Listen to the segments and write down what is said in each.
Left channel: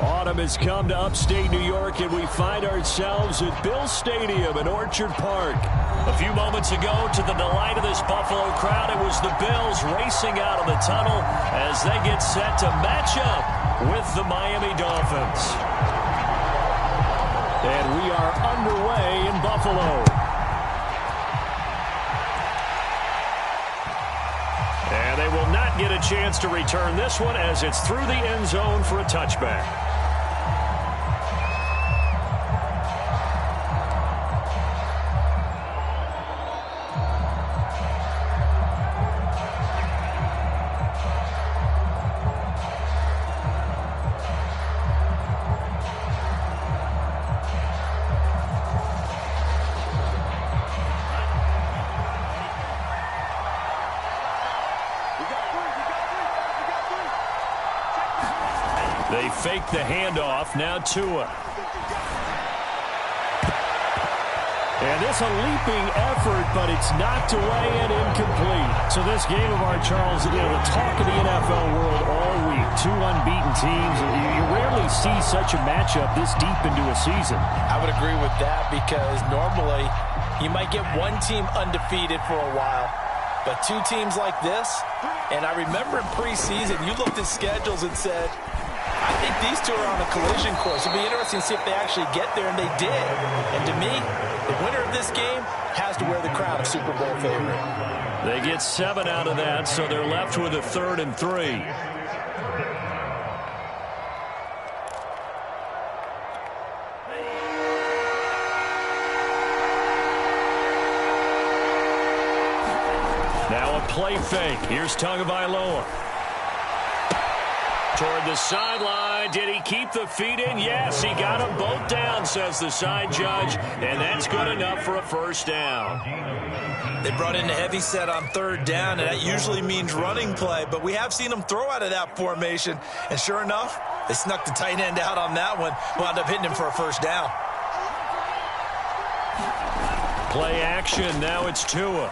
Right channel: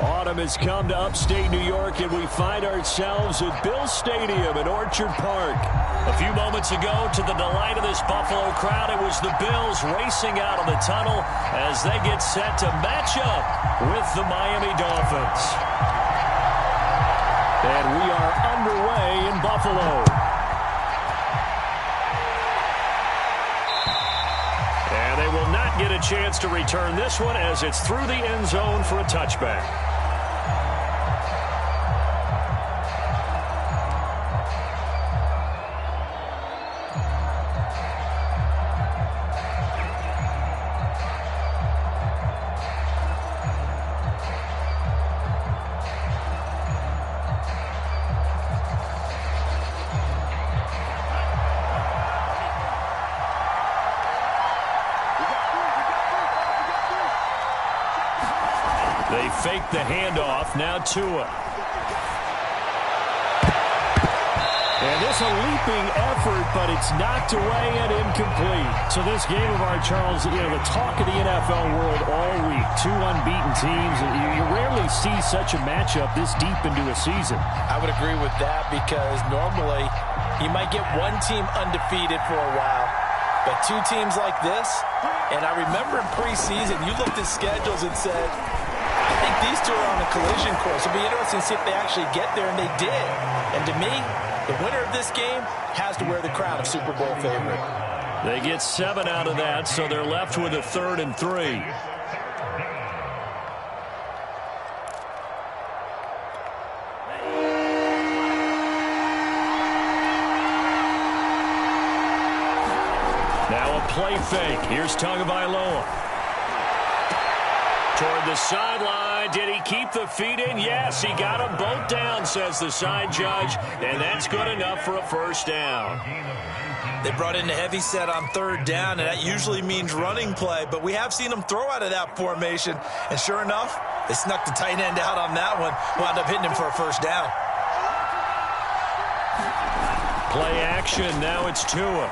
Autumn has come to upstate New York, and we find ourselves at Bills Stadium in Orchard Park. A few moments ago, to the delight of this Buffalo crowd, it was the Bills racing out of the tunnel as they get set to match up with the Miami Dolphins. And we are underway in Buffalo. And they will not get a chance to return this one as it's through the end zone for a touchback. They fake the handoff. Now Tua. And this a leaping effort, but it's knocked away and incomplete. So this game of ours, Charles, the talk of the NFL world all week. Two unbeaten teams. You rarely see such a matchup this deep into a season. I would agree with that because normally you might get one team undefeated for a while. But two teams like this, and I remember in preseason, you looked at schedules and said, I think these two are on a collision course. It'll be interesting to see if they actually get there, and they did. And to me, the winner of this game has to wear the crown of Super Bowl favorite. They get 7 out of that, so they're left with a 3rd and 3. Now a play fake. Here's Tagovailoa. Toward the sideline. Did he keep the feet in? Yes, he got them both down, says the side judge, and that's good enough for a first down. They brought in a heavy set on 3rd down, and that usually means running play, but we have seen them throw out of that formation, and sure enough, they snuck the tight end out on that one, wound up hitting him for a first down. Play action. Now it's Tua.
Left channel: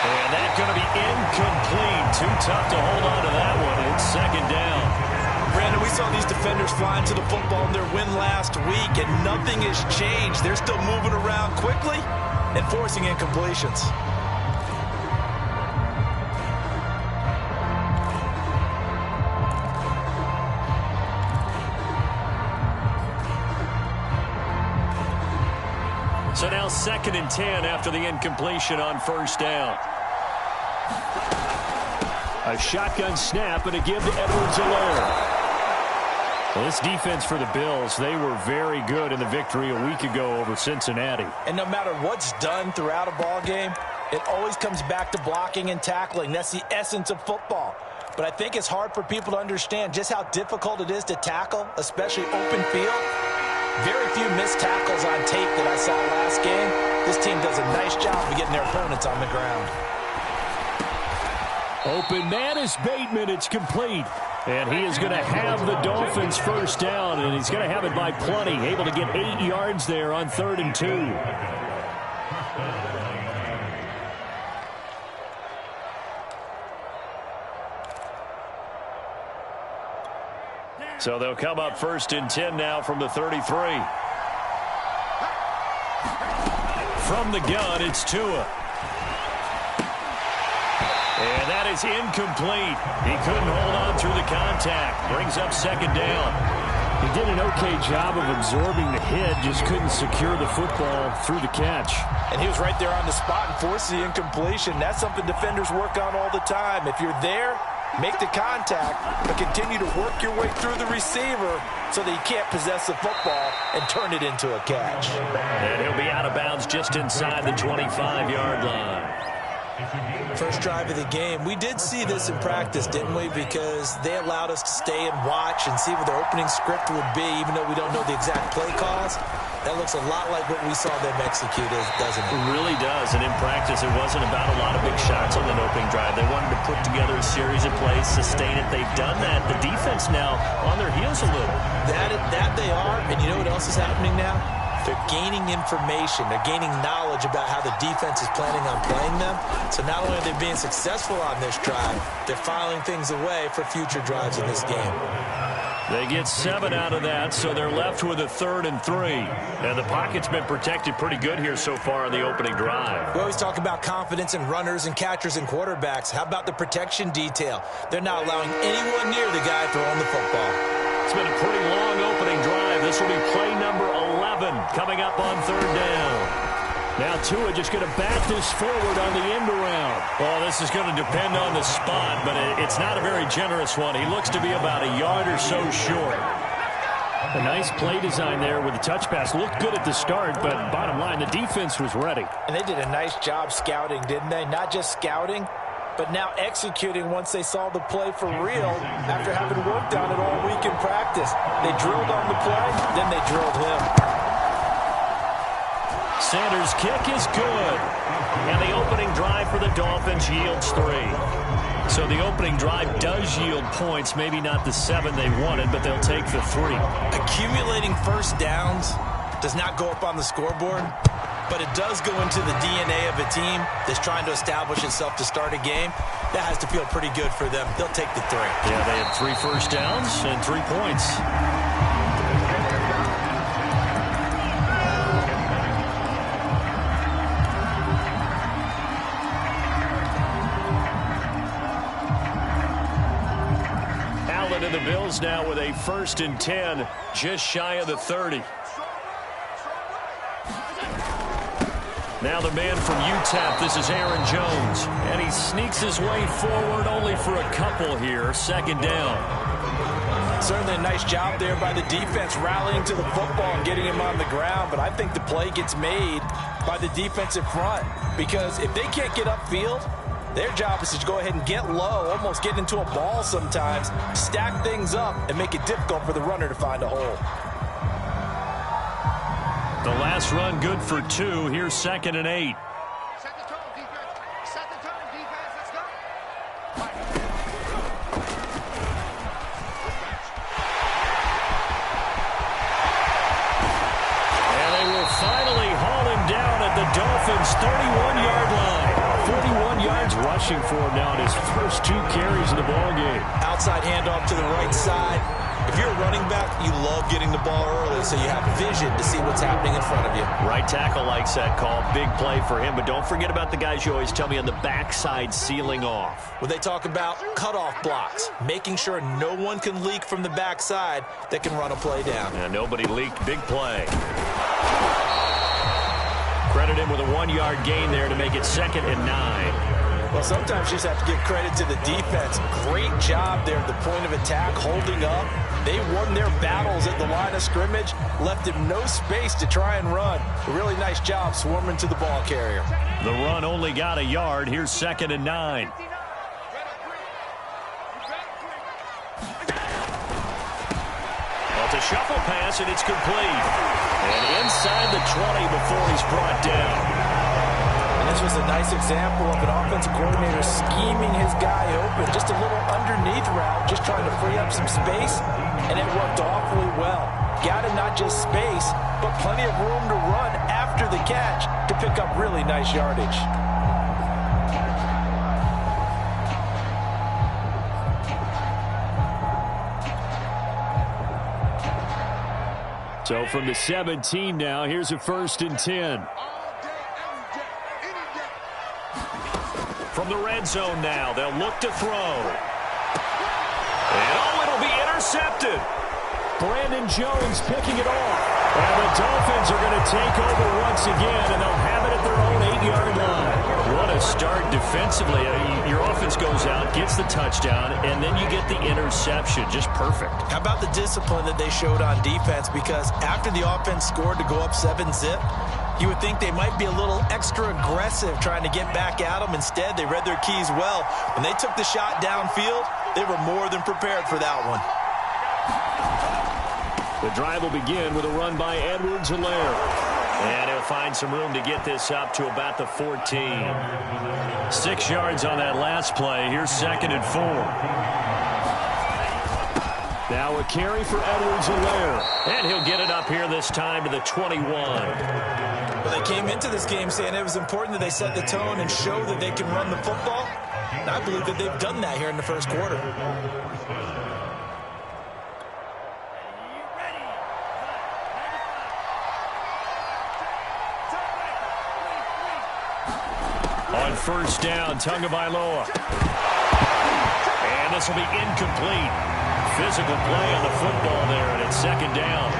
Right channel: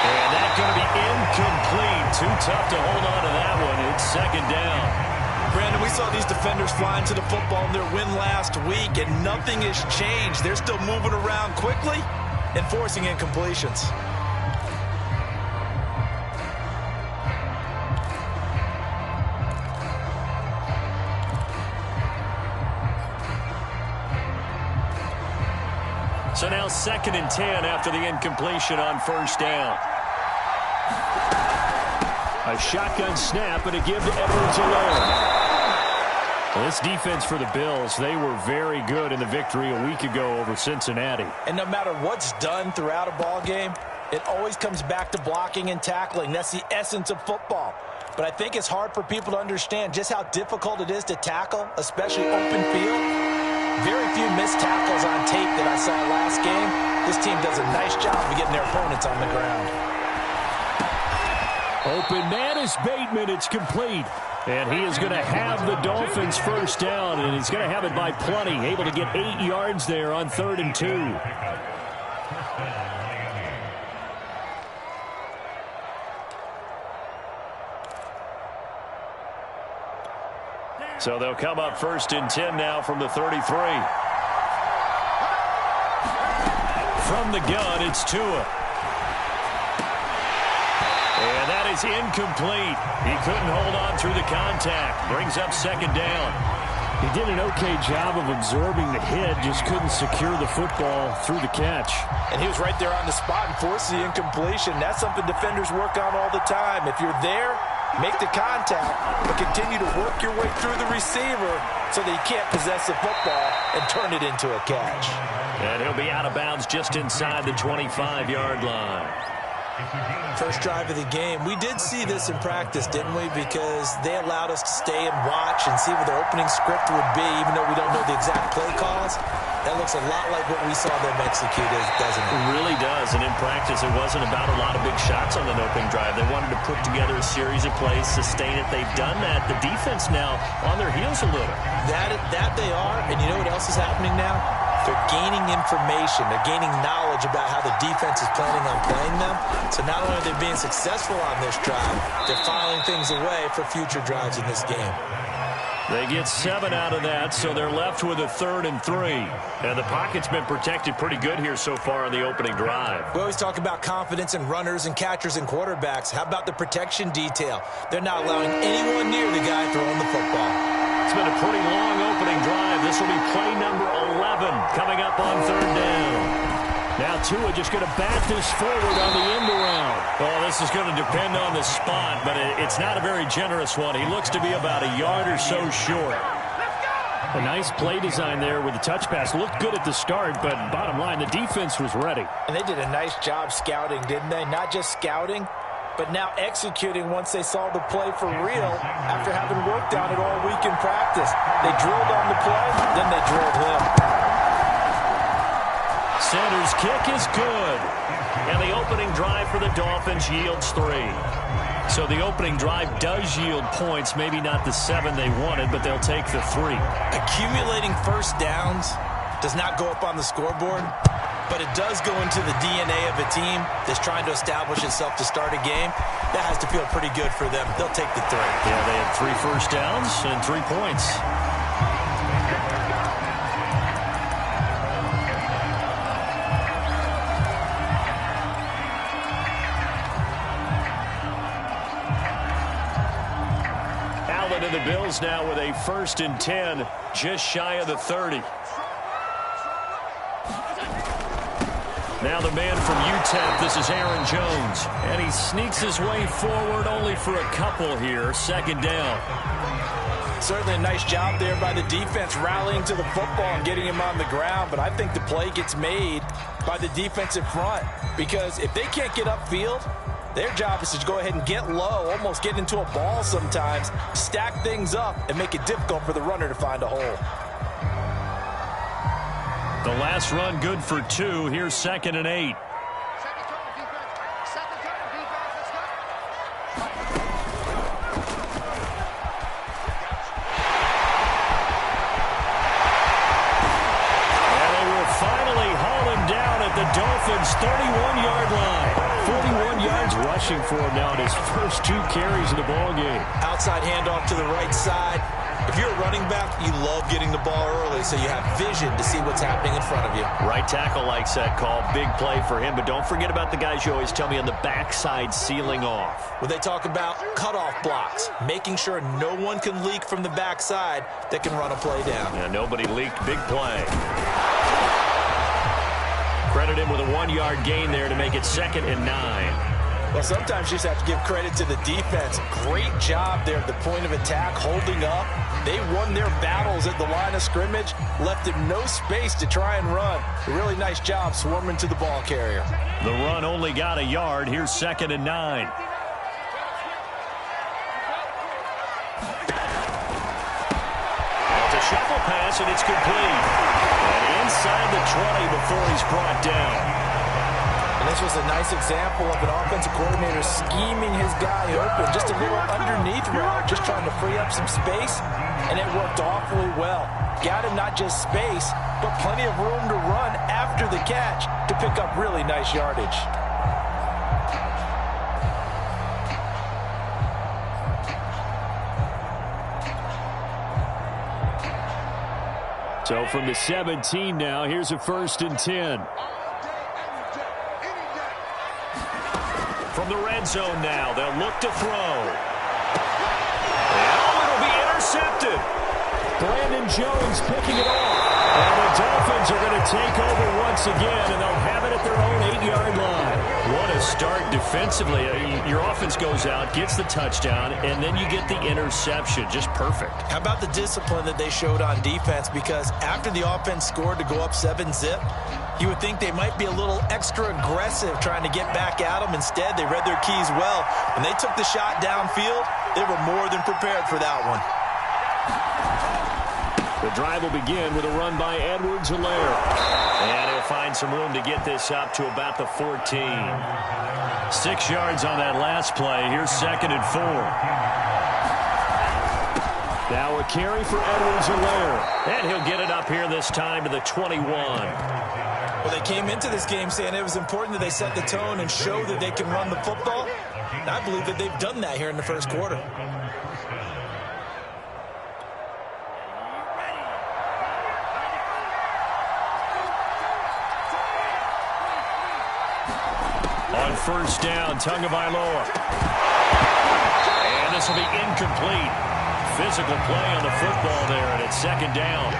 And that's going to be incomplete. Too tough to hold on to that one. It's 2nd down. Brandon, we saw these defenders flying to the football in their win last week, and nothing has changed. They're still moving around quickly and forcing incompletions. So now 2nd and 10 after the incompletion on 1st down. A shotgun snap and a give to Edwards-Helaire. Well, this defense for the Bills, they were very good in the victory a week ago over Cincinnati. And no matter what's done throughout a ball game, it always comes back to blocking and tackling. That's the essence of football. But I think it's hard for people to understand just how difficult it is to tackle, especially open field. Very few missed tackles on tape that I saw last game. This team does a nice job of getting their opponents on the ground. Open man is Bateman. It's complete. And he is going to have the Dolphins first down, and he's going to have it by plenty. Able to get 8 yards there on 3rd and 2. So they'll come up 1st and 10 now from the 33. From the gun, it's Tua. And that is incomplete. He couldn't hold on through the contact. Brings up 2nd down. He did an okay job of absorbing the hit, just couldn't secure the football through the catch. And he was right there on the spot and forced the incompletion. That's something defenders work on all the time. If you're there, make the contact, but continue to work your way through the receiver so that he can't possess the football and turn it into a catch. And he'll be out of bounds just inside the 25-yard line. First drive of the game. We did see this in practice, didn't we? Because they allowed us to stay and watch and see what their opening script would be, even though we don't know the exact play calls. That looks a lot like what we saw them execute, doesn't it? It really does. And in practice, it wasn't about a lot of big shots on that opening drive. They wanted to put together a series of plays, sustain it. They've done that. The defense now on their heels a little. That they are. And you know what else is happening now? They're gaining information. They're gaining knowledge about how the defense is planning on playing them. So not only are they being successful on this drive, they're filing things away for future drives in this game. They get 7 out of that, so they're left with a 3rd and 3. And the pocket's been protected pretty good here so far on the opening drive. We always talk about confidence in runners and catchers and quarterbacks. How about the protection detail? They're not allowing anyone near the guy throwing the football. It's been a pretty long opening drive. This will be play number 11 coming up on 3rd down. Now Tua just going to bat this forward on the end around. Well, this is going to depend on the spot, but it's not a very generous one. He looks to be about a yard or so short. A nice play design there with the touch pass. Looked good at the start, but bottom line, the defense was ready. And they did a nice job scouting, didn't they? Not just scouting, but now executing once they saw the play for real after having worked on it all week in practice. They drilled on the play, then they drilled him. Sanders' kick is good. And the opening drive for the Dolphins yields 3. So the opening drive does yield points, maybe not the 7 they wanted, but they'll take the 3. Accumulating first downs does not go up on the scoreboard, but it does go into the DNA of a team that's trying to establish itself to start a game. That has to feel pretty good for them. They'll take the 3. Yeah, they had 3 first downs and 3 points. And the Bills now with a 1st and 10, just shy of the 30. Now the man from UTEP, this is Aaron Jones. And he sneaks his way forward only for a couple here, 2nd down. Certainly a nice job there by the defense rallying to the football and getting him on the ground. But I think the play gets made by the defensive front, because if they can't get upfield, their job is to go ahead and get low, almost get into a ball sometimes, stack things up, and make it difficult for the runner to find a hole. The last run good for 2. Here's 2nd and 8. Second time, defense. Let's go. And they will finally haul him down at the Dolphins' 31-yard line. 41 yards rushing for him now in his first 2 carries of the ball game. Outside handoff to the right side. If you're a running back, you love getting the ball early so you have vision to see what's happening in front of you. Right tackle likes that call. Big play for him, but don't forget about the guys you always tell me on the backside sealing off. When they talk about cutoff blocks, making sure no one can leak from the backside that can run a play down. Yeah, nobody leaked. Big play. Credit him with a 1-yard gain there to make it 2nd and 9. Well, sometimes you just have to give credit to the defense. Great job there at the point of attack, holding up. They won their battles at the line of scrimmage, left him no space to try and run. A really nice job swarming to the ball carrier. The run only got a yard. Here's 2nd and 9. Well, it's a shuffle pass, and it's complete. And inside the 20 before he's brought down. And this was a nice example of an offensive coordinator scheming his guy open. Just a little underneath route, just trying to free up some space, and it worked awfully well. Got him not just space, but plenty of room to run after the catch to pick up really nice yardage. So from the 17 now, here's a 1st and 10. From the red zone now, they'll look to throw. And it'll be intercepted. Brandon Jones picking it off. And the Dolphins are going to take over once again, and they'll have it at their own 8-yard line. What a start defensively. Your offense goes out, gets the touchdown, and then you get the interception. Just perfect. How about the discipline that they showed on defense? Because after the offense scored to go up 7-zip, you would think they might be a little extra aggressive trying to get back at them. Instead, they read their keys well. When they took the shot downfield, they were more than prepared for that one. The drive will begin with a run by Edwards-Helaire. And he'll find some room to get this up to about the 14. 6 yards on that last play. Here's 2nd and 4. Now a carry for Edwards-Helaire. And he'll get it up here this time to the 21. Well, they came into this game saying it was important that they set the tone and show that they can run the football. And I believe that they've done that here in the first quarter. On first down, Tagovailoa. And this will be incomplete. Physical play on the football there, and it's second down.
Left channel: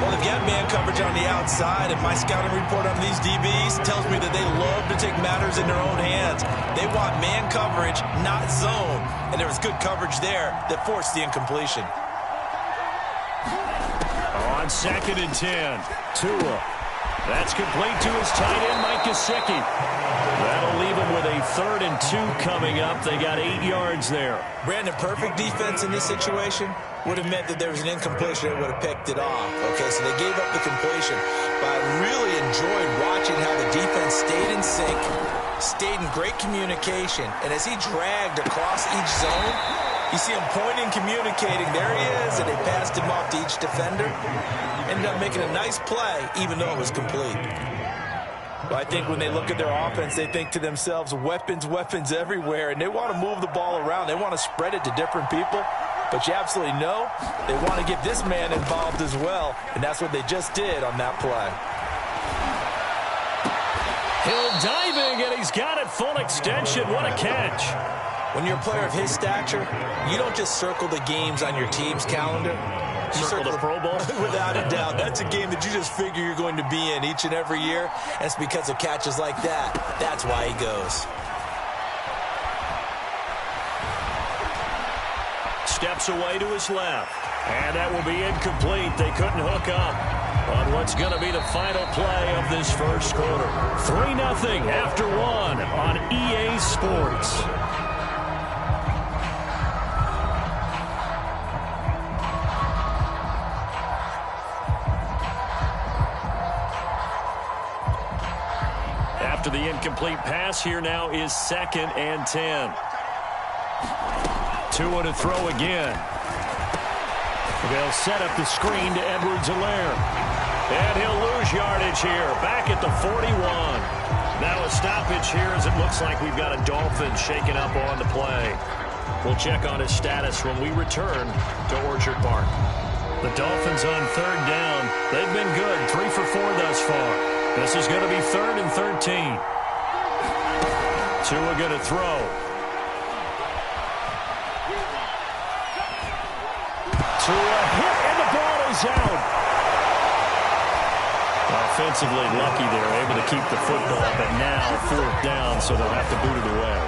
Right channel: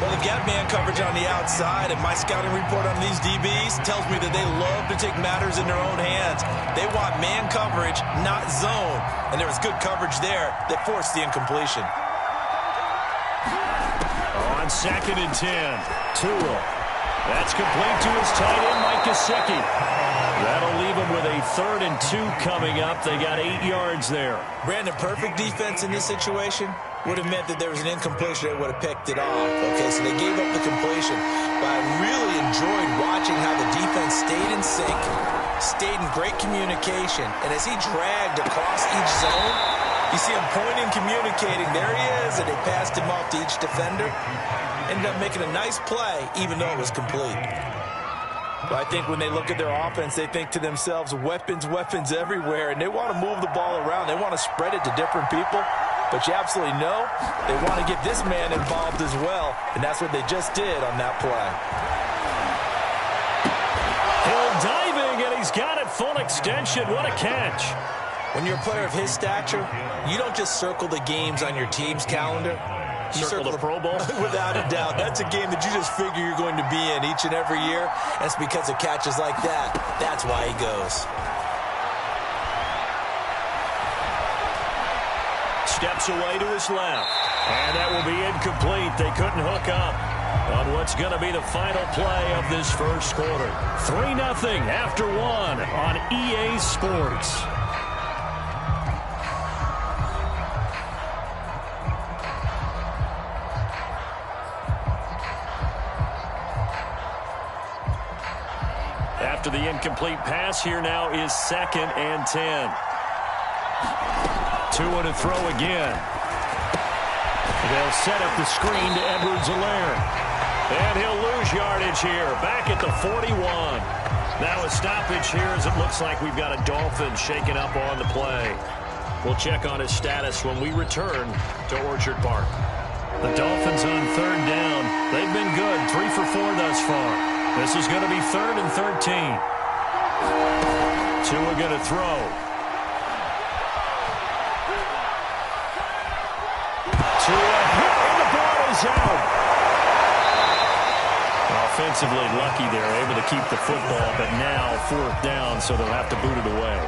Well, they've got man coverage on the outside, and my scouting report on these DBs tells me that they love to take matters in their own hands. They want man coverage, not zone. And there was good coverage there that forced the incompletion. On 2nd and 10, Tua. That's complete to his tight end, Mike Gesicki. That'll leave him with a 3rd and 2 coming up. They got 8 yards there. Brandon, perfect defense in this situation would have meant that there was an incompletion that would have picked it off. Okay, so they gave up the completion. But I really enjoyed watching how the defense stayed in sync, stayed in great communication. And as he dragged across each zone, you see him pointing, communicating. There he is, and they passed him off to each defender. Ended up making a nice play, even though it was complete. Well, I think when they look at their offense, they think to themselves, weapons, weapons everywhere, and they want to move the ball around. They want to spread it to different people, but you absolutely know they want to get this man involved as well, and that's what they just did on that play. Hill diving, and he's got it full extension. What a catch. When you're a player of his stature, you don't just circle the games on your team's calendar. You circle the Pro Bowl? Without a doubt. That's a game that you just figure you're going to be in each and every year. And it's because of catches like that. That's why he goes. Steps away to his left. And that will be incomplete. They couldn't hook up on what's going to be the final play of this first quarter. 3-0 after 1 on EA Sports. After the incomplete pass, here now is 2nd and 10. Tua to throw again. They'll set up the screen to Edwards-Helaire. And he'll lose yardage here, back at the 41. Now a stoppage here as it looks like we've got a Dolphin shaking up on the play. We'll check on his status when we return to Orchard Park. The Dolphins on 3rd down. They've been good, 3 for 4 thus far. This is going to be 3rd and 13. Tua going to throw. Tua hit, and the ball is out. Offensively lucky they're able to keep the football, but now 4th down, so they'll have to boot it away.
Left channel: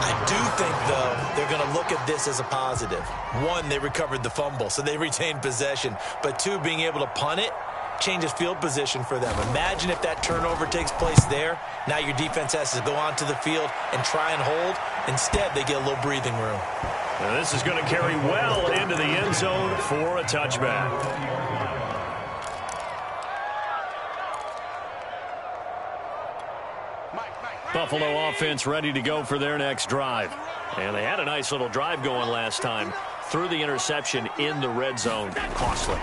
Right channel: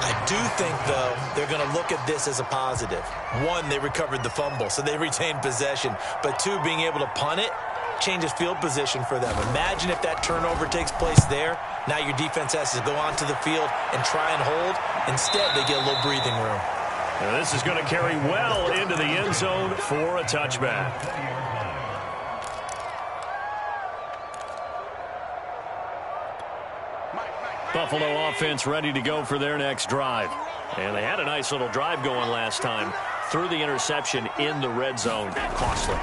I do think, though, they're going to look at this as a positive. 1, they recovered the fumble, so they retained possession. But 2, being able to punt it changes field position for them. Imagine if that turnover takes place there. Now your defense has to go onto the field and try and hold. Instead, they get a little breathing room. Now this is going to carry well into the end zone for a touchback. Buffalo offense ready to go for their next drive. And they had a nice little drive going last time. Threw the interception in the red zone. Costly.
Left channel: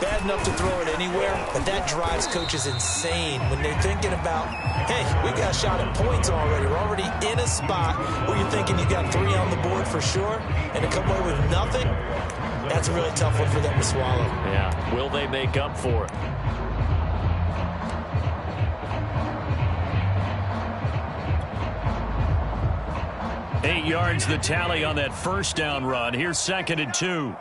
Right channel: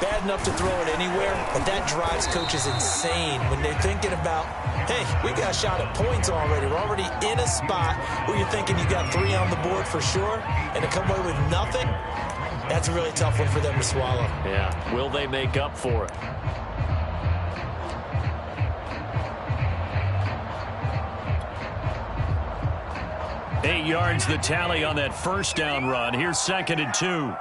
Bad enough to throw it anywhere, but that drives coaches insane when they're thinking about, hey, we got a shot at points already. We're already in a spot where you're thinking you got 3 on the board for sure, and to come away with nothing, that's a really tough one for them to swallow. Yeah, will they make up for it? Eight yards the tally on that first down run. Here's 2nd and 2.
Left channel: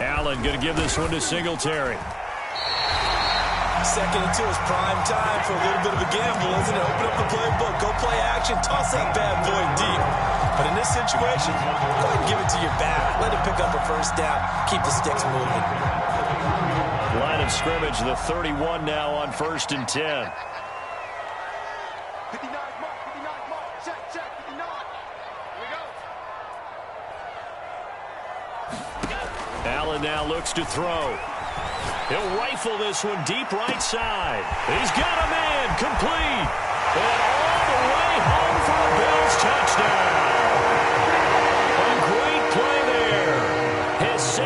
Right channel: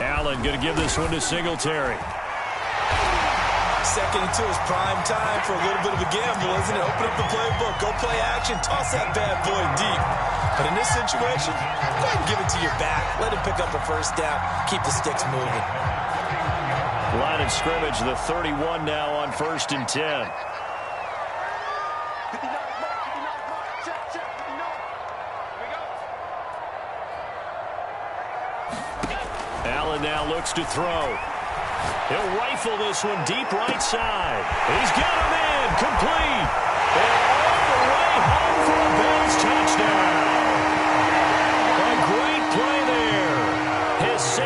Allen going to give this one to Singletary. 2nd and 2 is prime time for a little bit of a gamble, isn't it? Open up the playbook, go play action, toss that bad boy deep. But in this situation, go ahead and give it to your back. Let him pick up a first down. Keep the sticks moving. Line of scrimmage, the 31 now on 1st and 10. 59 mark, check, 59. Here we go. Allen now looks to throw. He'll rifle this one deep right side. He's got a man complete. And all the way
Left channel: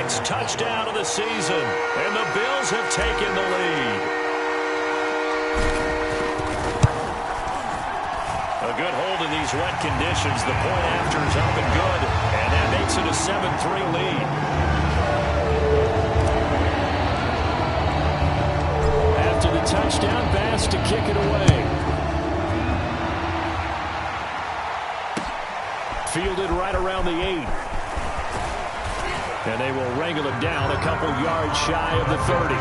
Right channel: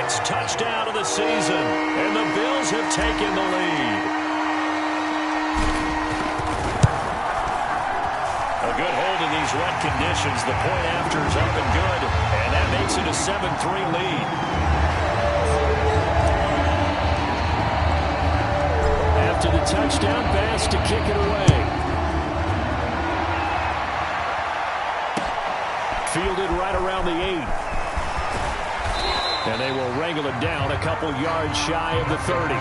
sixth touchdown of the season, and the Bills have taken the lead. A good hold in these wet conditions. The point after is up and good, and that makes it a 7-3 lead. After the touchdown, Bass to kick it away. Fielded right around the 8. And they will wrangle it down a couple yards shy of the 30.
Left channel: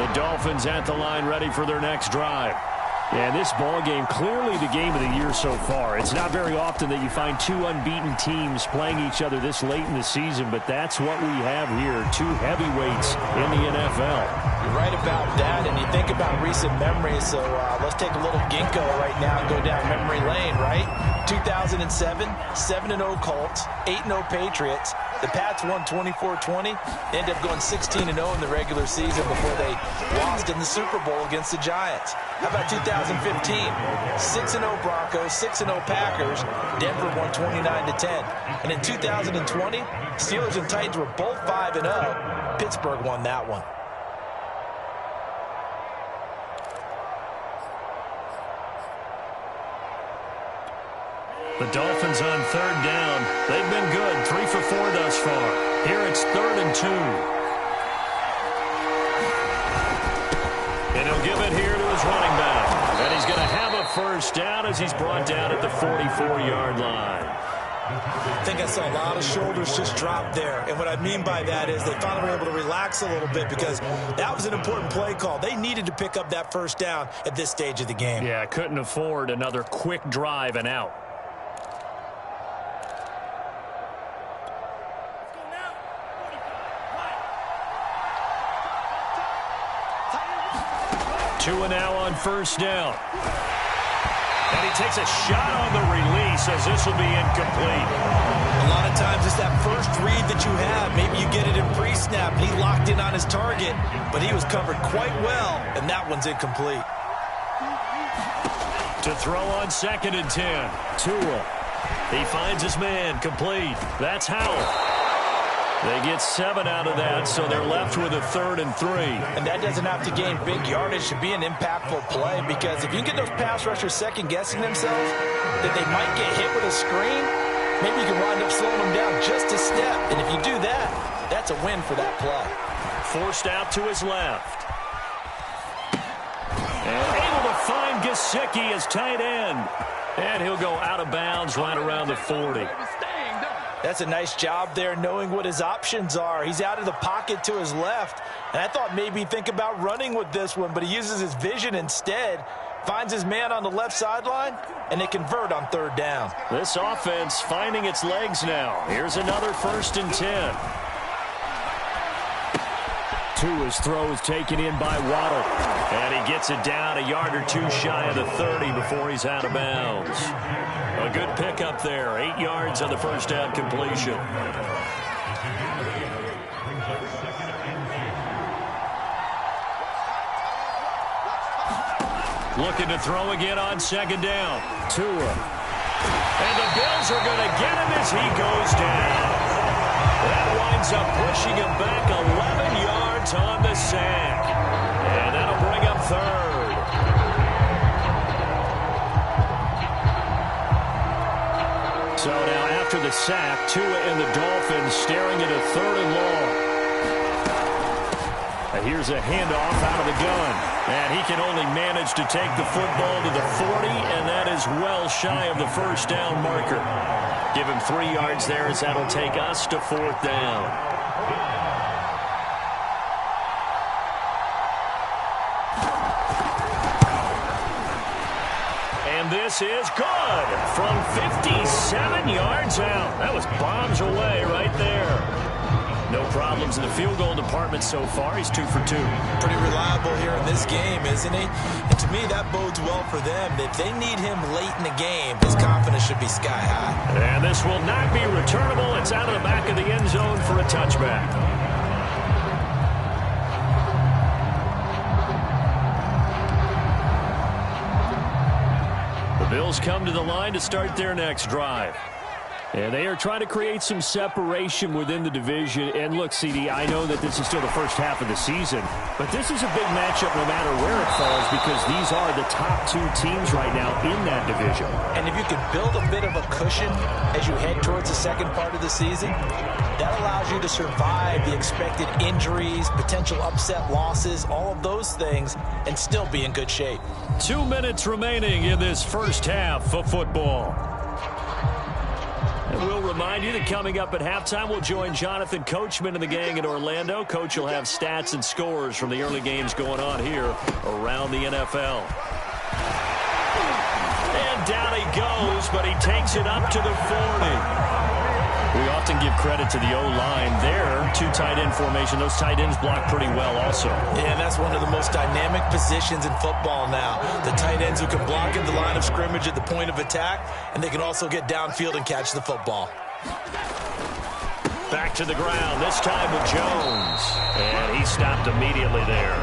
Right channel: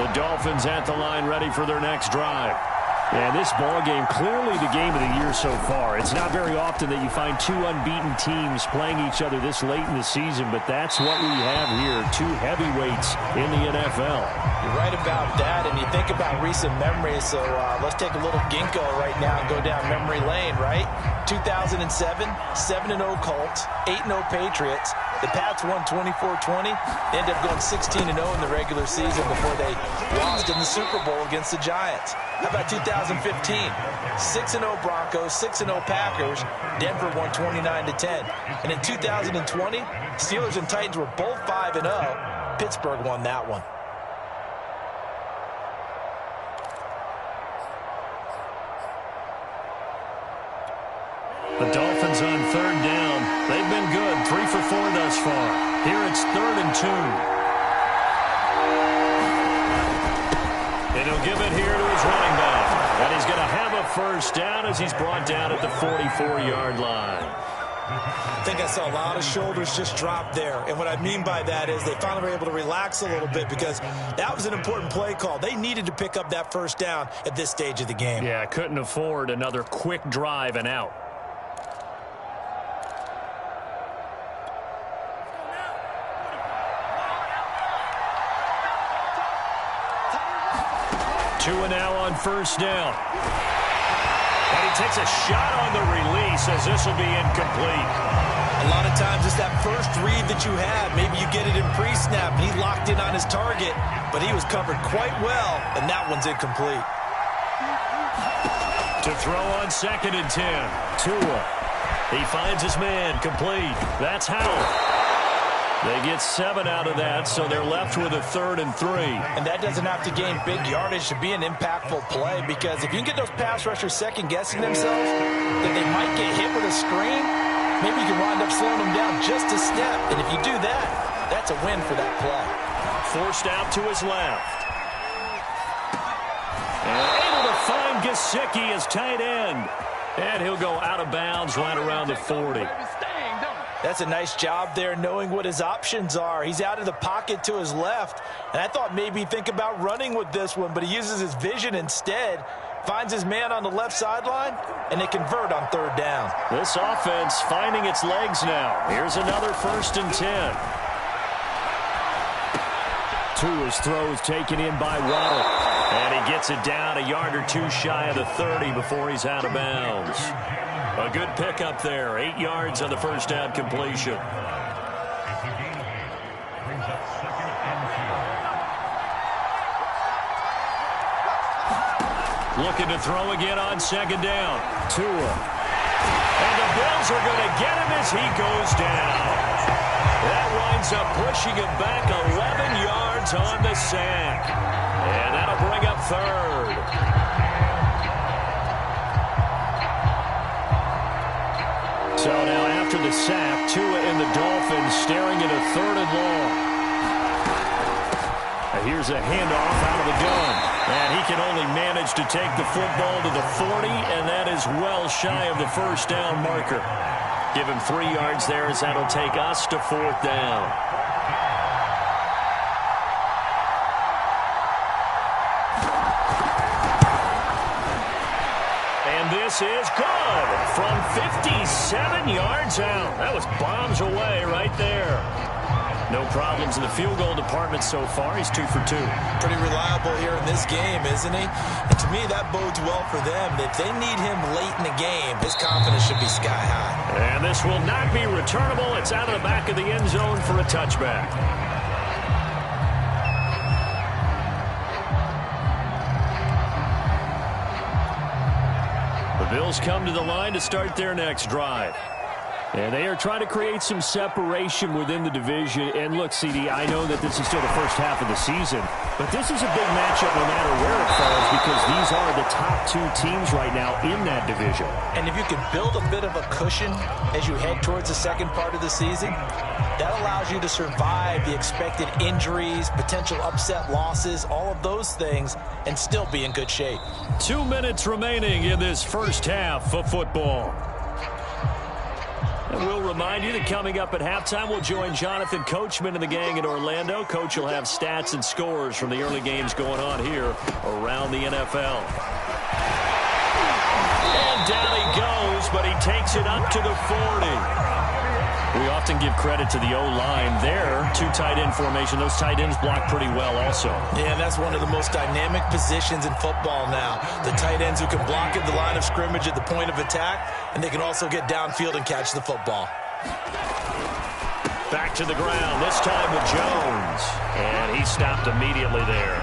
The Dolphins at the line, ready for their next drive. And this ball game, clearly the game of the year so far. It's not very often that you find two unbeaten teams playing each other this late in the season, but that's what we have here, two heavyweights in the NFL. You're right about that, and you think about recent memories, so let's take a little ginkgo right now and go down memory lane, right? 2007, 7-0 Colts, 8-0 Patriots. The Pats won 24-20. They ended up going 16-0 in the regular season before they lost in the Super Bowl against the Giants. How about 2015? 6-0 Broncos, 6-0 Packers. Denver won 29-10. And in 2020, Steelers and Titans were both 5-0. Pittsburgh won that one. The Dolphins on third down. They've been good, 3 for 4 thus far. Here it's 3rd and 2. And he'll give it here to his running back. And he's going to have a first down as he's brought down at the 44-yard line. I think I saw a lot of shoulders just drop there. And what I mean by that is they finally were able to relax a little bit because that was an important play call. They needed to pick up that first down at this stage of the game. Yeah, couldn't afford another quick drive and out. Two and now on first down. And he takes a shot on the release as this will be incomplete. A lot of times it's that first read that you have. Maybe you get it in pre-snap. He locked in on his target, but he was covered quite well, and that one's incomplete. To throw on 2nd and 10. Tua. He finds his man, complete. That's Howell. They get 7 out of that, so they're left with a 3rd and 3. And that doesn't have to gain big yardage to be an impactful play, because if you can get those pass rushers second-guessing themselves, that they might get hit with a screen, maybe you can wind up slowing them down just a step. And if you do that, that's a win for that play. Forced out to his left. And able to find Gesicki as tight end. And he'll go out of bounds right around the 40. That's a nice job there, knowing what his options are. He's out of the pocket to his left, and I thought maybe he'd think about running with this one, but he uses his vision instead, finds his man on the left sideline, and they convert on 3rd down. This offense finding its legs now. Here's another 1st and 10. Tua's throw is taken in by Waddle, and he gets it down a yard or 2 shy of the 30 before he's out of bounds. A good pickup there. 8 yards on the first down completion. Looking to throw again on 2nd down. Tua. And the Bills are going to get him as he goes down. That winds up pushing him back 11 yards on the sack. And that'll bring up 3rd. So now after the sack, Tua and the Dolphins staring at a 3rd and long. Here's a handoff out of the gun. And he can only manage to take the football to the 40, and that is well shy of the first down marker. Give him 3 yards there as that'll take us to 4th down. And this is good from 57 yards out. That was bombs away right there. No problems in the field goal department so far. He's 2 for 2. Pretty reliable here in this game, isn't he? And to me, that bodes well for them. If they need him late in the game, his confidence should be sky high. And this will not be returnable. It's out of the back of the end zone for a touchback. Bills come to the line to start their next drive. And they are trying to create some separation within the division. And look, CD, I know that this is still the first half of the season, but this is a big matchup no matter where it falls because these are the top two teams right now in that division. And if you can build a bit of a cushion as you head towards the second part of the season, that allows you to survive the expected injuries, potential upset losses, all of those things, and still be in good shape. 2 minutes remaining in this first half of football. And we'll remind you that coming up at halftime, we'll join Jonathan Coachman and the gang in Orlando. Coach will have stats and scores from the early games going on here around the NFL. And down he goes, but he takes it up to the 40. We often give credit to the O-line there. Two tight end formation. Those tight ends block pretty well also. Yeah, and that's one of the most dynamic positions in football now. The tight ends who can block at the line of scrimmage at the point of attack, and they can also get downfield and catch the football. Back to the ground, this time with Jones. And he stopped immediately there.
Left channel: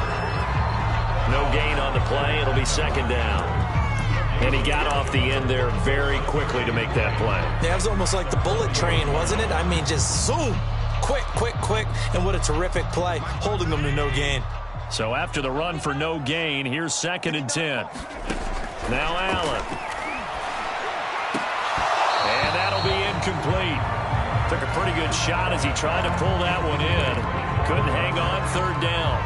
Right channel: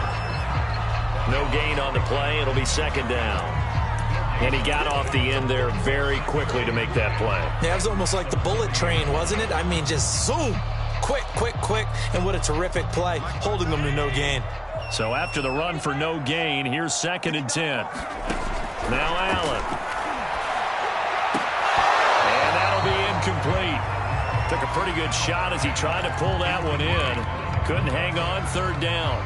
No gain on the play. It'll be second down. And he got off the end there very quickly to make that play. Yeah, it was almost like the bullet train, wasn't it? I mean, just zoom. Quick, quick, quick. And what a terrific play, holding them to no gain. So after the run for no gain, here's 2nd and 10. Now Allen. And that'll be incomplete. Took a pretty good shot as he tried to pull that one in. Couldn't hang on, 3rd down.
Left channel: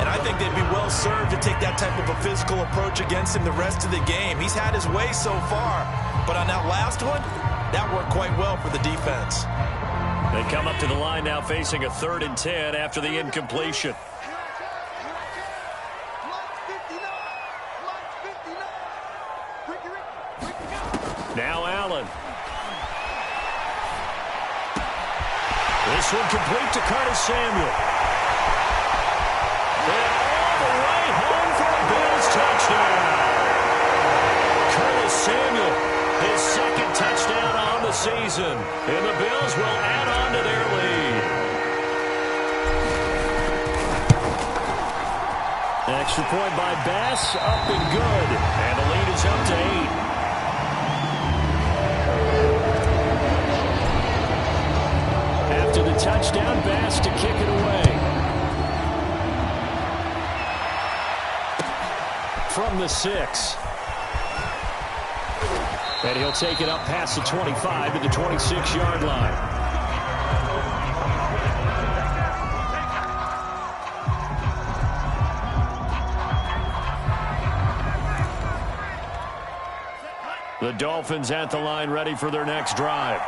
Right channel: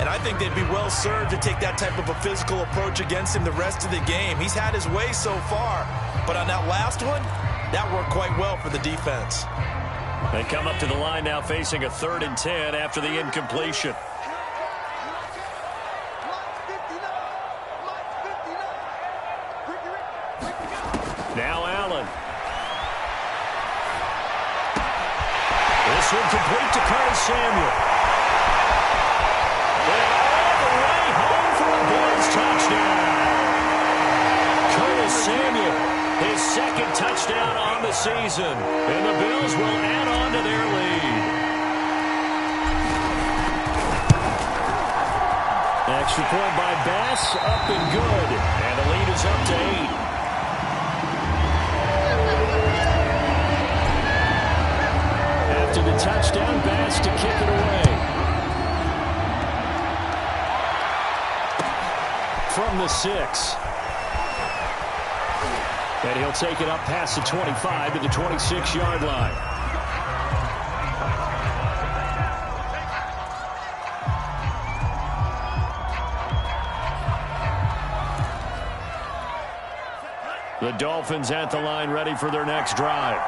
And I think they'd be well served to take that type of a physical approach against him the rest of the game. He's had his way so far. But on that last one, that worked quite well for the defense. They come up to the line now facing a 3rd and 10 after the incompletion. Now Allen. This one complete to Curtis Samuel. And all the way home for a Bills touchdown. Curtis Samuel, his 2nd touchdown on the season. And the Bills will add on to their lead. Extra point by Bass, up and good. And the lead is up to 8. After the touchdown, Bass to kick it away. From the 6. And he'll take it up past the 25 to the 26-yard line. The Dolphins at the line ready for their next drive.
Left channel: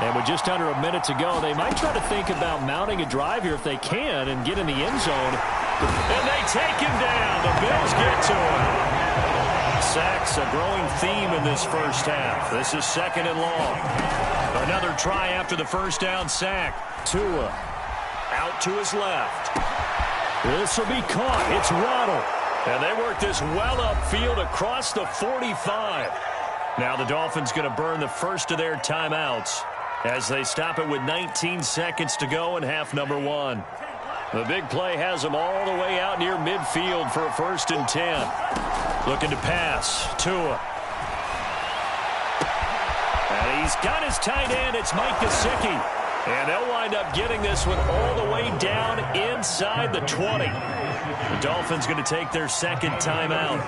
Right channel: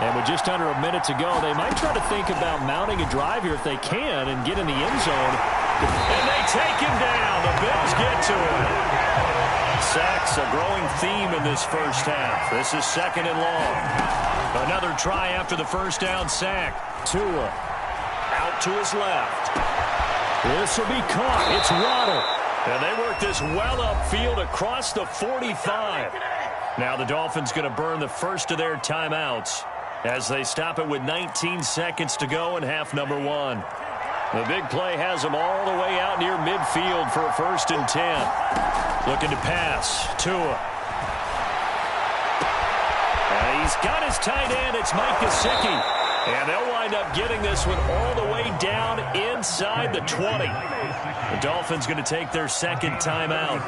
And with just under a minute to go, they might try to think about mounting a drive here if they can and get in the end zone. And they take him down. The Bills get to him. Sacks, a growing theme in this first half. This is 2nd and long. Another try after the first down sack. Tua out to his left. This will be caught. It's Waddle. And they work this well upfield across the 45. Now the Dolphins going to burn the first of their timeouts as they stop it with 19 seconds to go in half number 1. The big play has them all the way out near midfield for a 1st and 10. Looking to pass. Tua. And he's got his tight end. It's Mike Gesicki. And they'll wind up getting this one all the way down inside the 20. The Dolphins going to take their 2nd timeout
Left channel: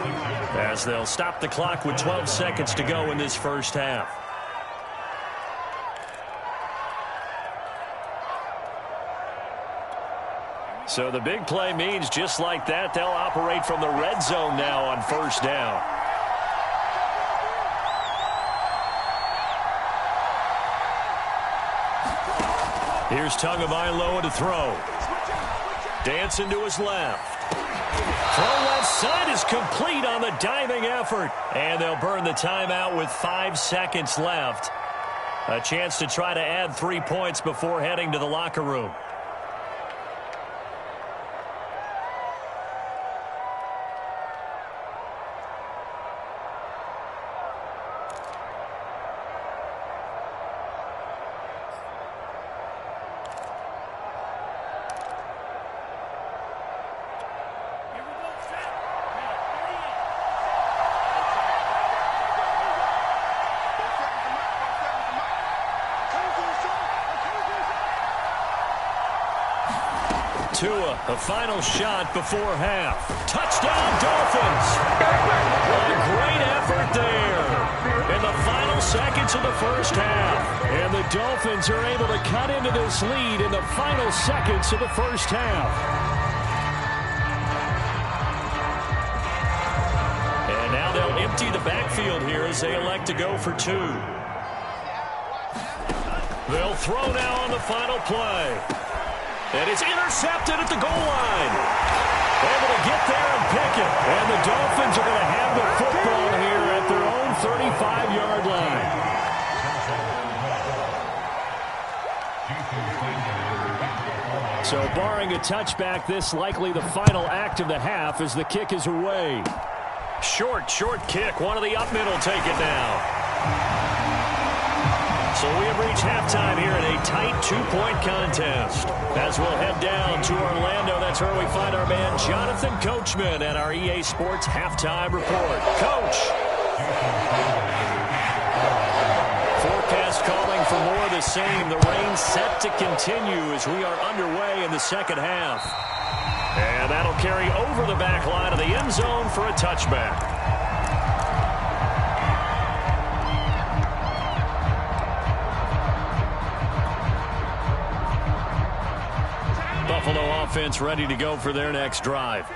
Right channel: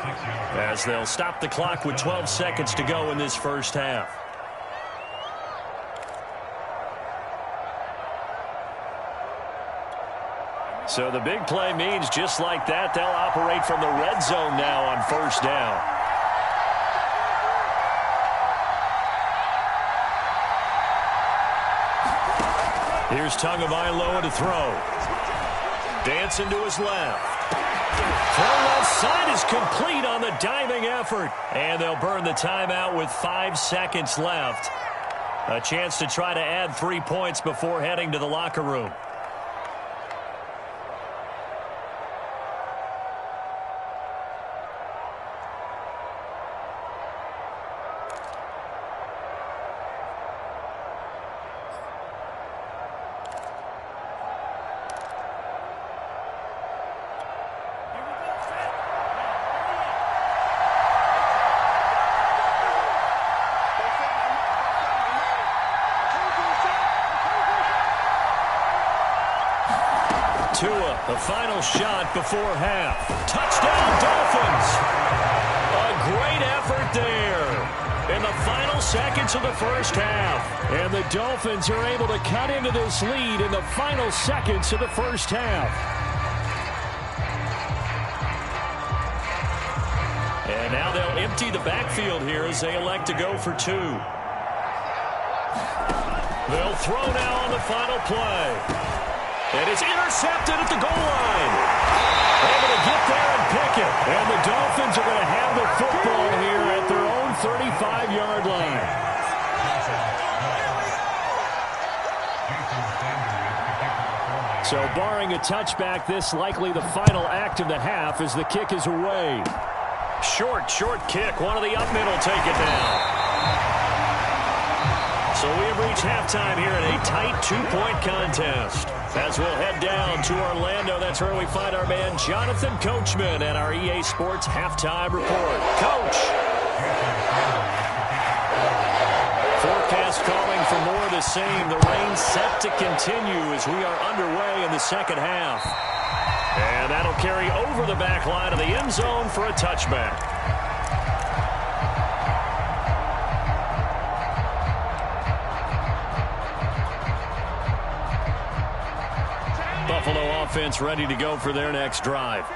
as they'll stop the clock with 12 seconds to go in this first half. So the big play means just like that, they'll operate from the red zone now on 1st down. Here's Tagovailoa to throw. Dancing to his left. Throw left side is complete on the diving effort. And they'll burn the timeout with 5 seconds left. A chance to try to add 3 points before heading to the locker room. Tua, the final shot before half. Touchdown, Dolphins. A great effort there in the final seconds of the first half. And the Dolphins are able to cut into this lead in the final seconds of the first half. And now they'll empty the backfield here as they elect to go for two. They'll throw now on the final play. And it's intercepted at the goal line. Able to get there and pick it. And the Dolphins are going to have the football here at their own 35-yard line. So barring a touchback, this likely the final act of the half as the kick is away. Short kick. One of the up middle take it down. So we have reached halftime here in a tight two-point contest. As we'll head down to Orlando, that's where we find our man Jonathan Coachman at our EA Sports Halftime Report. Coach. Forecast calling for more of the same. The rain set to continue as we are underway in the second half. And that'll carry over the back line of the end zone for a touchback. Buffalo offense ready to go for their next drive.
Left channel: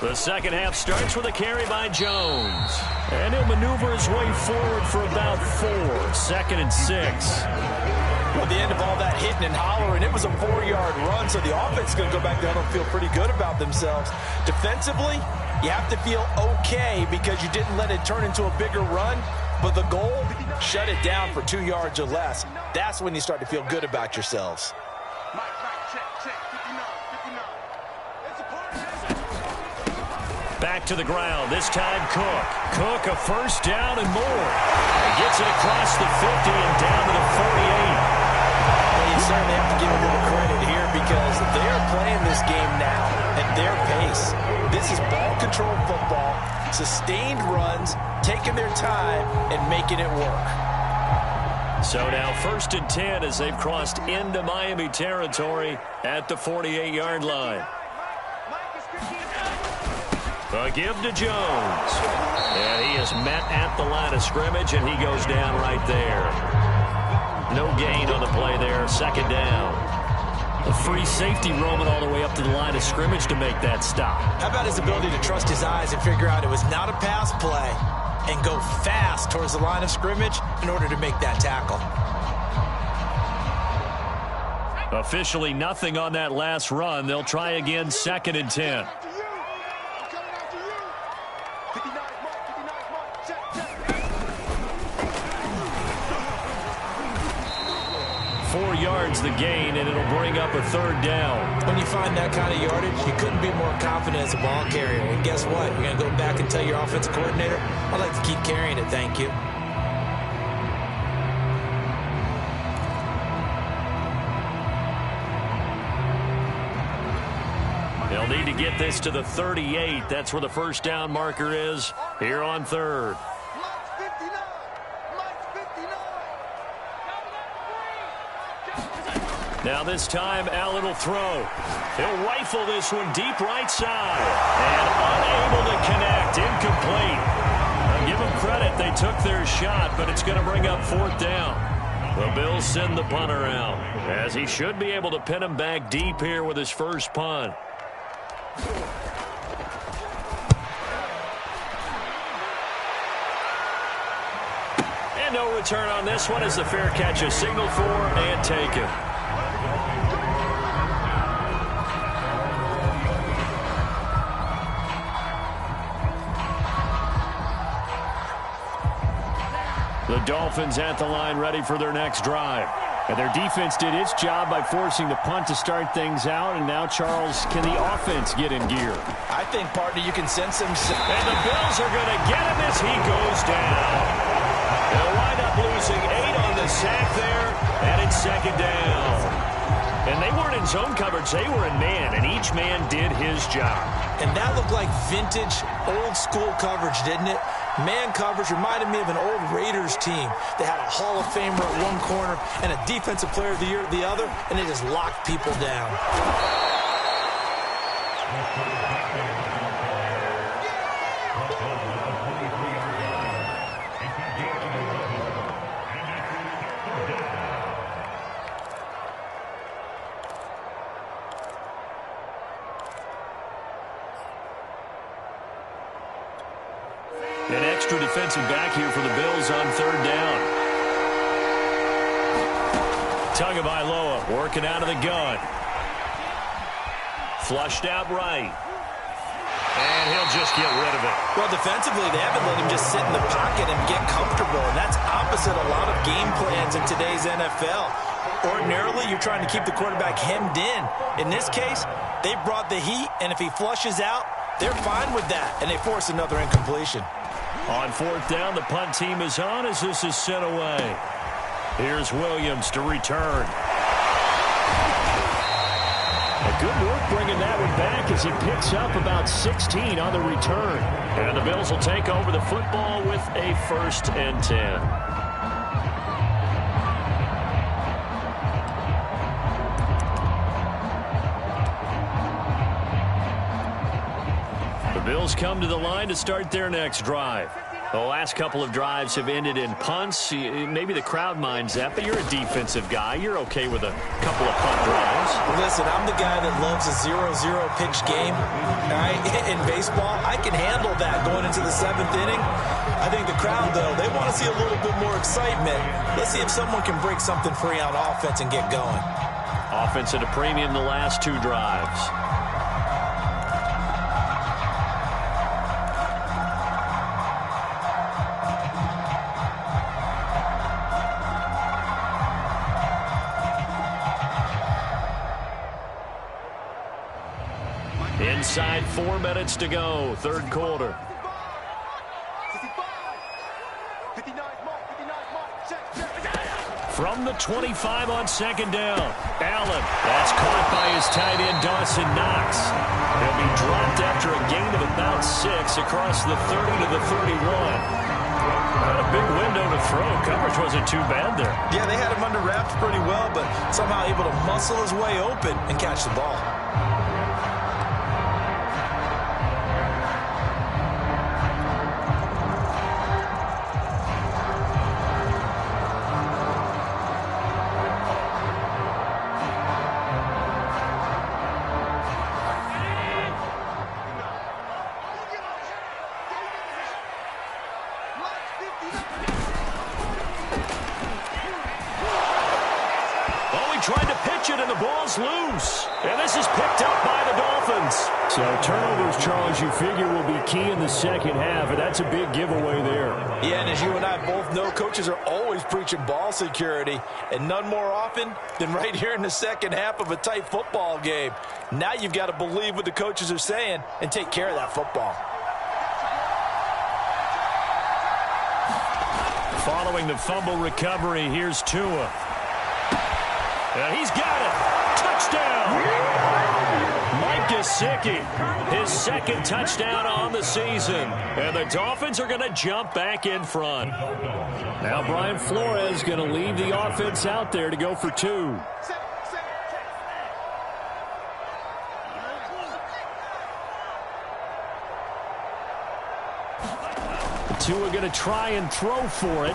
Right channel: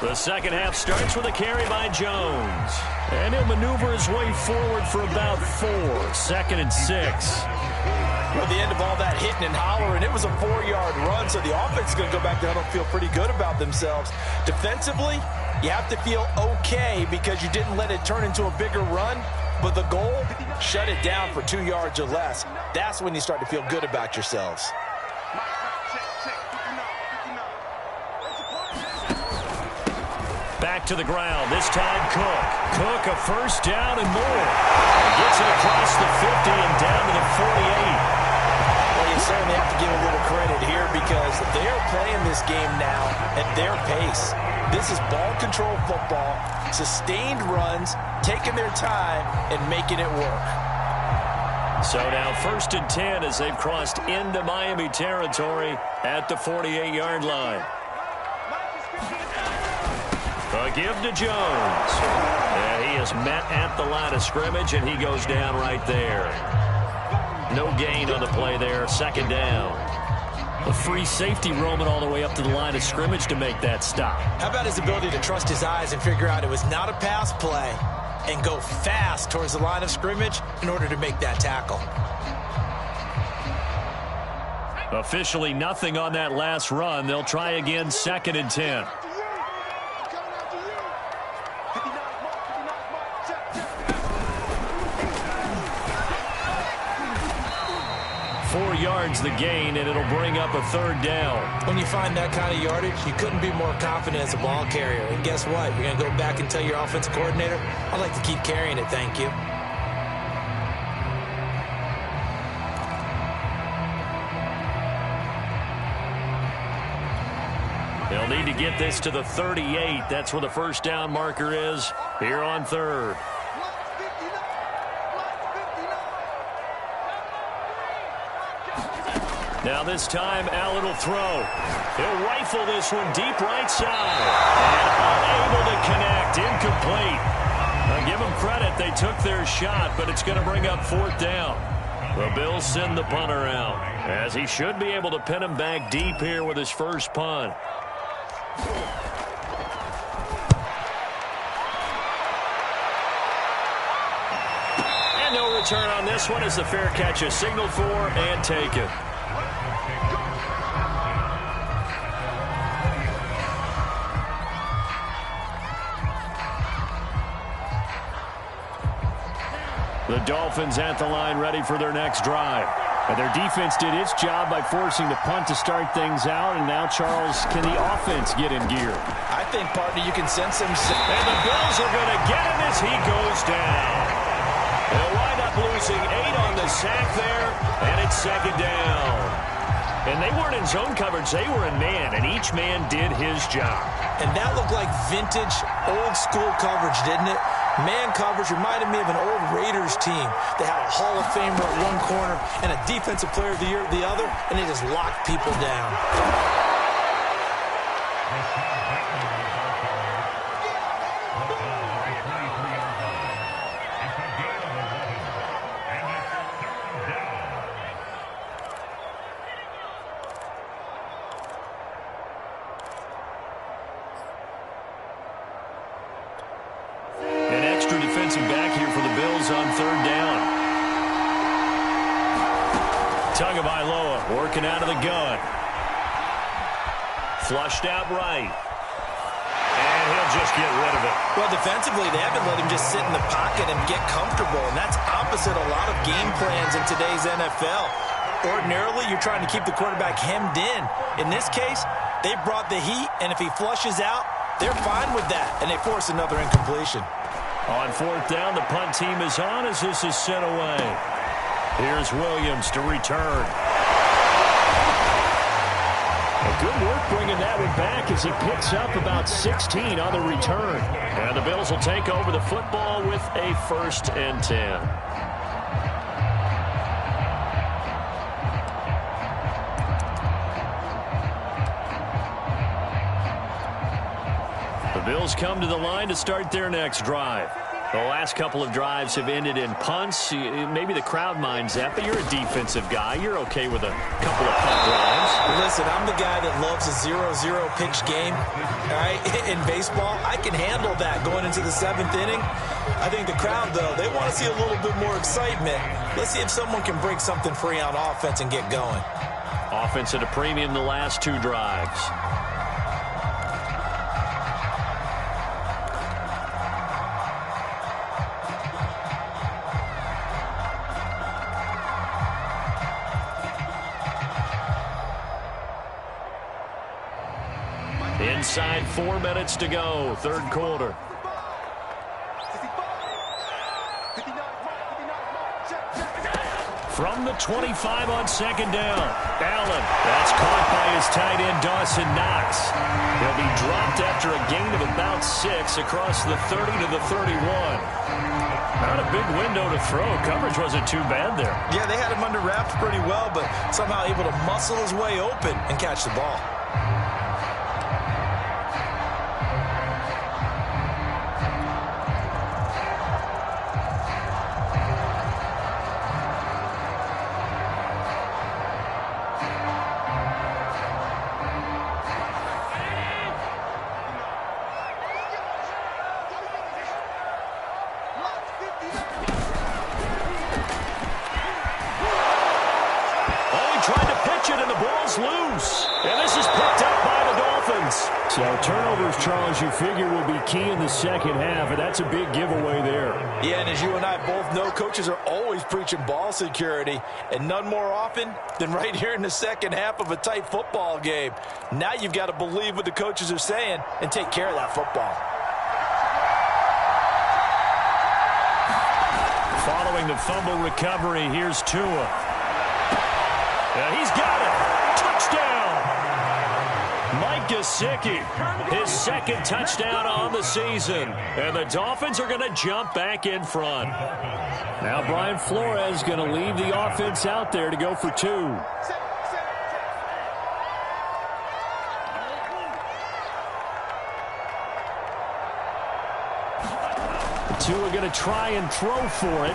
The second half starts with a carry by Jones. And he'll maneuver his way forward for about 4. 2nd and 6. Well, at the end of all that hitting and hollering, it was a 4-yard run, so the offense is going to go back down and feel pretty good about themselves. Defensively, you have to feel okay because you didn't let it turn into a bigger run. But the goal, shut it down for 2 yards or less. That's when you start to feel good about yourselves. Back to the ground. This time Cook. Cook a first down and more. And gets it across the 50 and down to the 48. Well, you certainly have to give a little credit here because they're playing this game now at their pace. This is ball control football, sustained runs, taking their time and making it work. So now 1st and 10 as they've crossed into Miami territory at the 48-yard line. A give to Jones. And he is met at the line of scrimmage, and he goes down right there. No gain on the play there. 2nd down. A free safety roaming all the way up to the line of scrimmage to make that stop. How about his ability to trust his eyes and figure out it was not a pass play and go fast towards the line of scrimmage in order to make that tackle. Officially nothing on that last run. They'll try again 2nd and 10. 4 yards the gain, and it'll bring up a 3rd down. When you find that kind of yardage, you couldn't be more confident as a ball carrier. And guess what? You're going to go back and tell your offensive coordinator, I'd like to keep carrying it, thank you. They'll need to get this to the 38. That's where the first down marker is here on 3rd. Now this time, Allen will throw. He'll rifle this one deep right side. And unable to connect. Incomplete. I'll give them credit. They took their shot, but it's going to bring up 4th down. The Bills send the punter out, as he should be able to pin him back deep here with his first punt. And no return on this one as the fair catch is signaled for and taken. The Dolphins at the line ready for their next drive. And their defense did its job by forcing the punt to start things out. And now, Charles, can the offense get in gear? I think, partner, you can sense some... And the Bills are going to get him as he goes down. They'll wind up losing 8 on the sack there. And it's 2nd down. And they weren't in zone coverage. They were in man. And each man did his job. And that looked like vintage, old-school coverage, didn't it? Man coverage reminded me of an old Raiders team. They had a Hall of Famer at one corner and a Defensive Player of the Year at the other, and they just locked people down. An extra defensive back here for the Bills on third down. Tagovailoa working out of the gun. Flushed out right. And he'll just get rid of it. Well, defensively, they haven't let him just sit in the pocket and get comfortable, and that's opposite a lot of game plans in today's NFL. Ordinarily, you're trying to keep the quarterback hemmed in. In this case, they brought the heat, and if he flushes out, they're fine with that, and they force another incompletion. On fourth down, the punt team is on as this is sent away. Here's Williams to return. A good work bringing that one back as he picks up about 16 on the return. And the Bills will take over the football with a 1st and 10. The Bills come to the line to start their next drive. The last couple of drives have ended in punts. Maybe the crowd minds that, but you're a defensive guy. You're okay with a couple of punt drives. Listen, I'm the guy that loves a 0-0 pitch game. All right, in baseball, I can handle that going into the 7th inning. I think the crowd, though, they want to see a little bit more excitement. Let's see if someone can break something free on offense and get going. Offense at a premium the last 2 drives. Inside 4 minutes to go, third quarter. From the 25 on second down. Allen, that's caught by his tight end, Dawson Knox. He'll be dropped after a gain of about 6 across the 30 to the 31. Not a big window to throw. Coverage wasn't too bad there. Yeah, they had him under wraps pretty well, but somehow able to muscle his way open and catch the ball. Loose. And this is picked up by the Dolphins. So turnovers, Charles, you figure will be key in the second half, and that's a big giveaway there. Yeah, and as you and I both know, coaches are always preaching ball security, and none more often than right here in the second half of a tight football game. Now you've got to believe what the coaches are saying and take care of that football. Following the fumble recovery, here's Tua. He's got it. Touchdown! Mike Gesicki, his 2nd touchdown on the season. And the Dolphins are going to jump back in front. Now Brian Flores going to leave the offense out there to go for 2. Tua going to try and throw for it.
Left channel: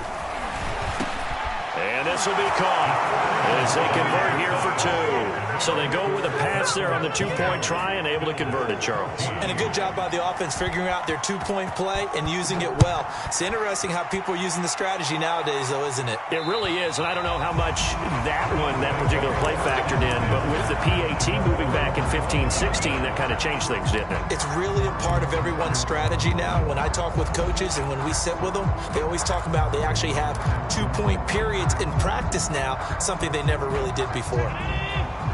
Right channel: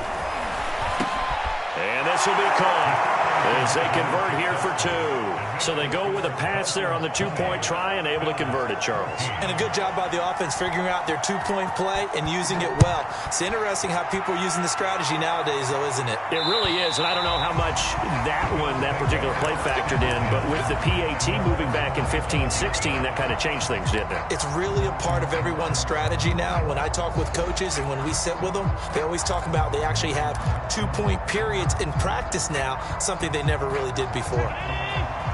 And this will be caught as they convert here for 2. So they go with a pass there on the 2-point try and able to convert it, Charles. And a good job by the offense figuring out their 2-point play and using it well. It's interesting how people are using the strategy nowadays, though, isn't it? It really is, and I don't know how much that particular play factored in, but with the PAT moving back in 15-16, that kind of changed things, didn't it? It's really a part of everyone's strategy now. When I talk with coaches and when we sit with them, they always talk about they actually have 2-point periods in practice now, something they never really did before.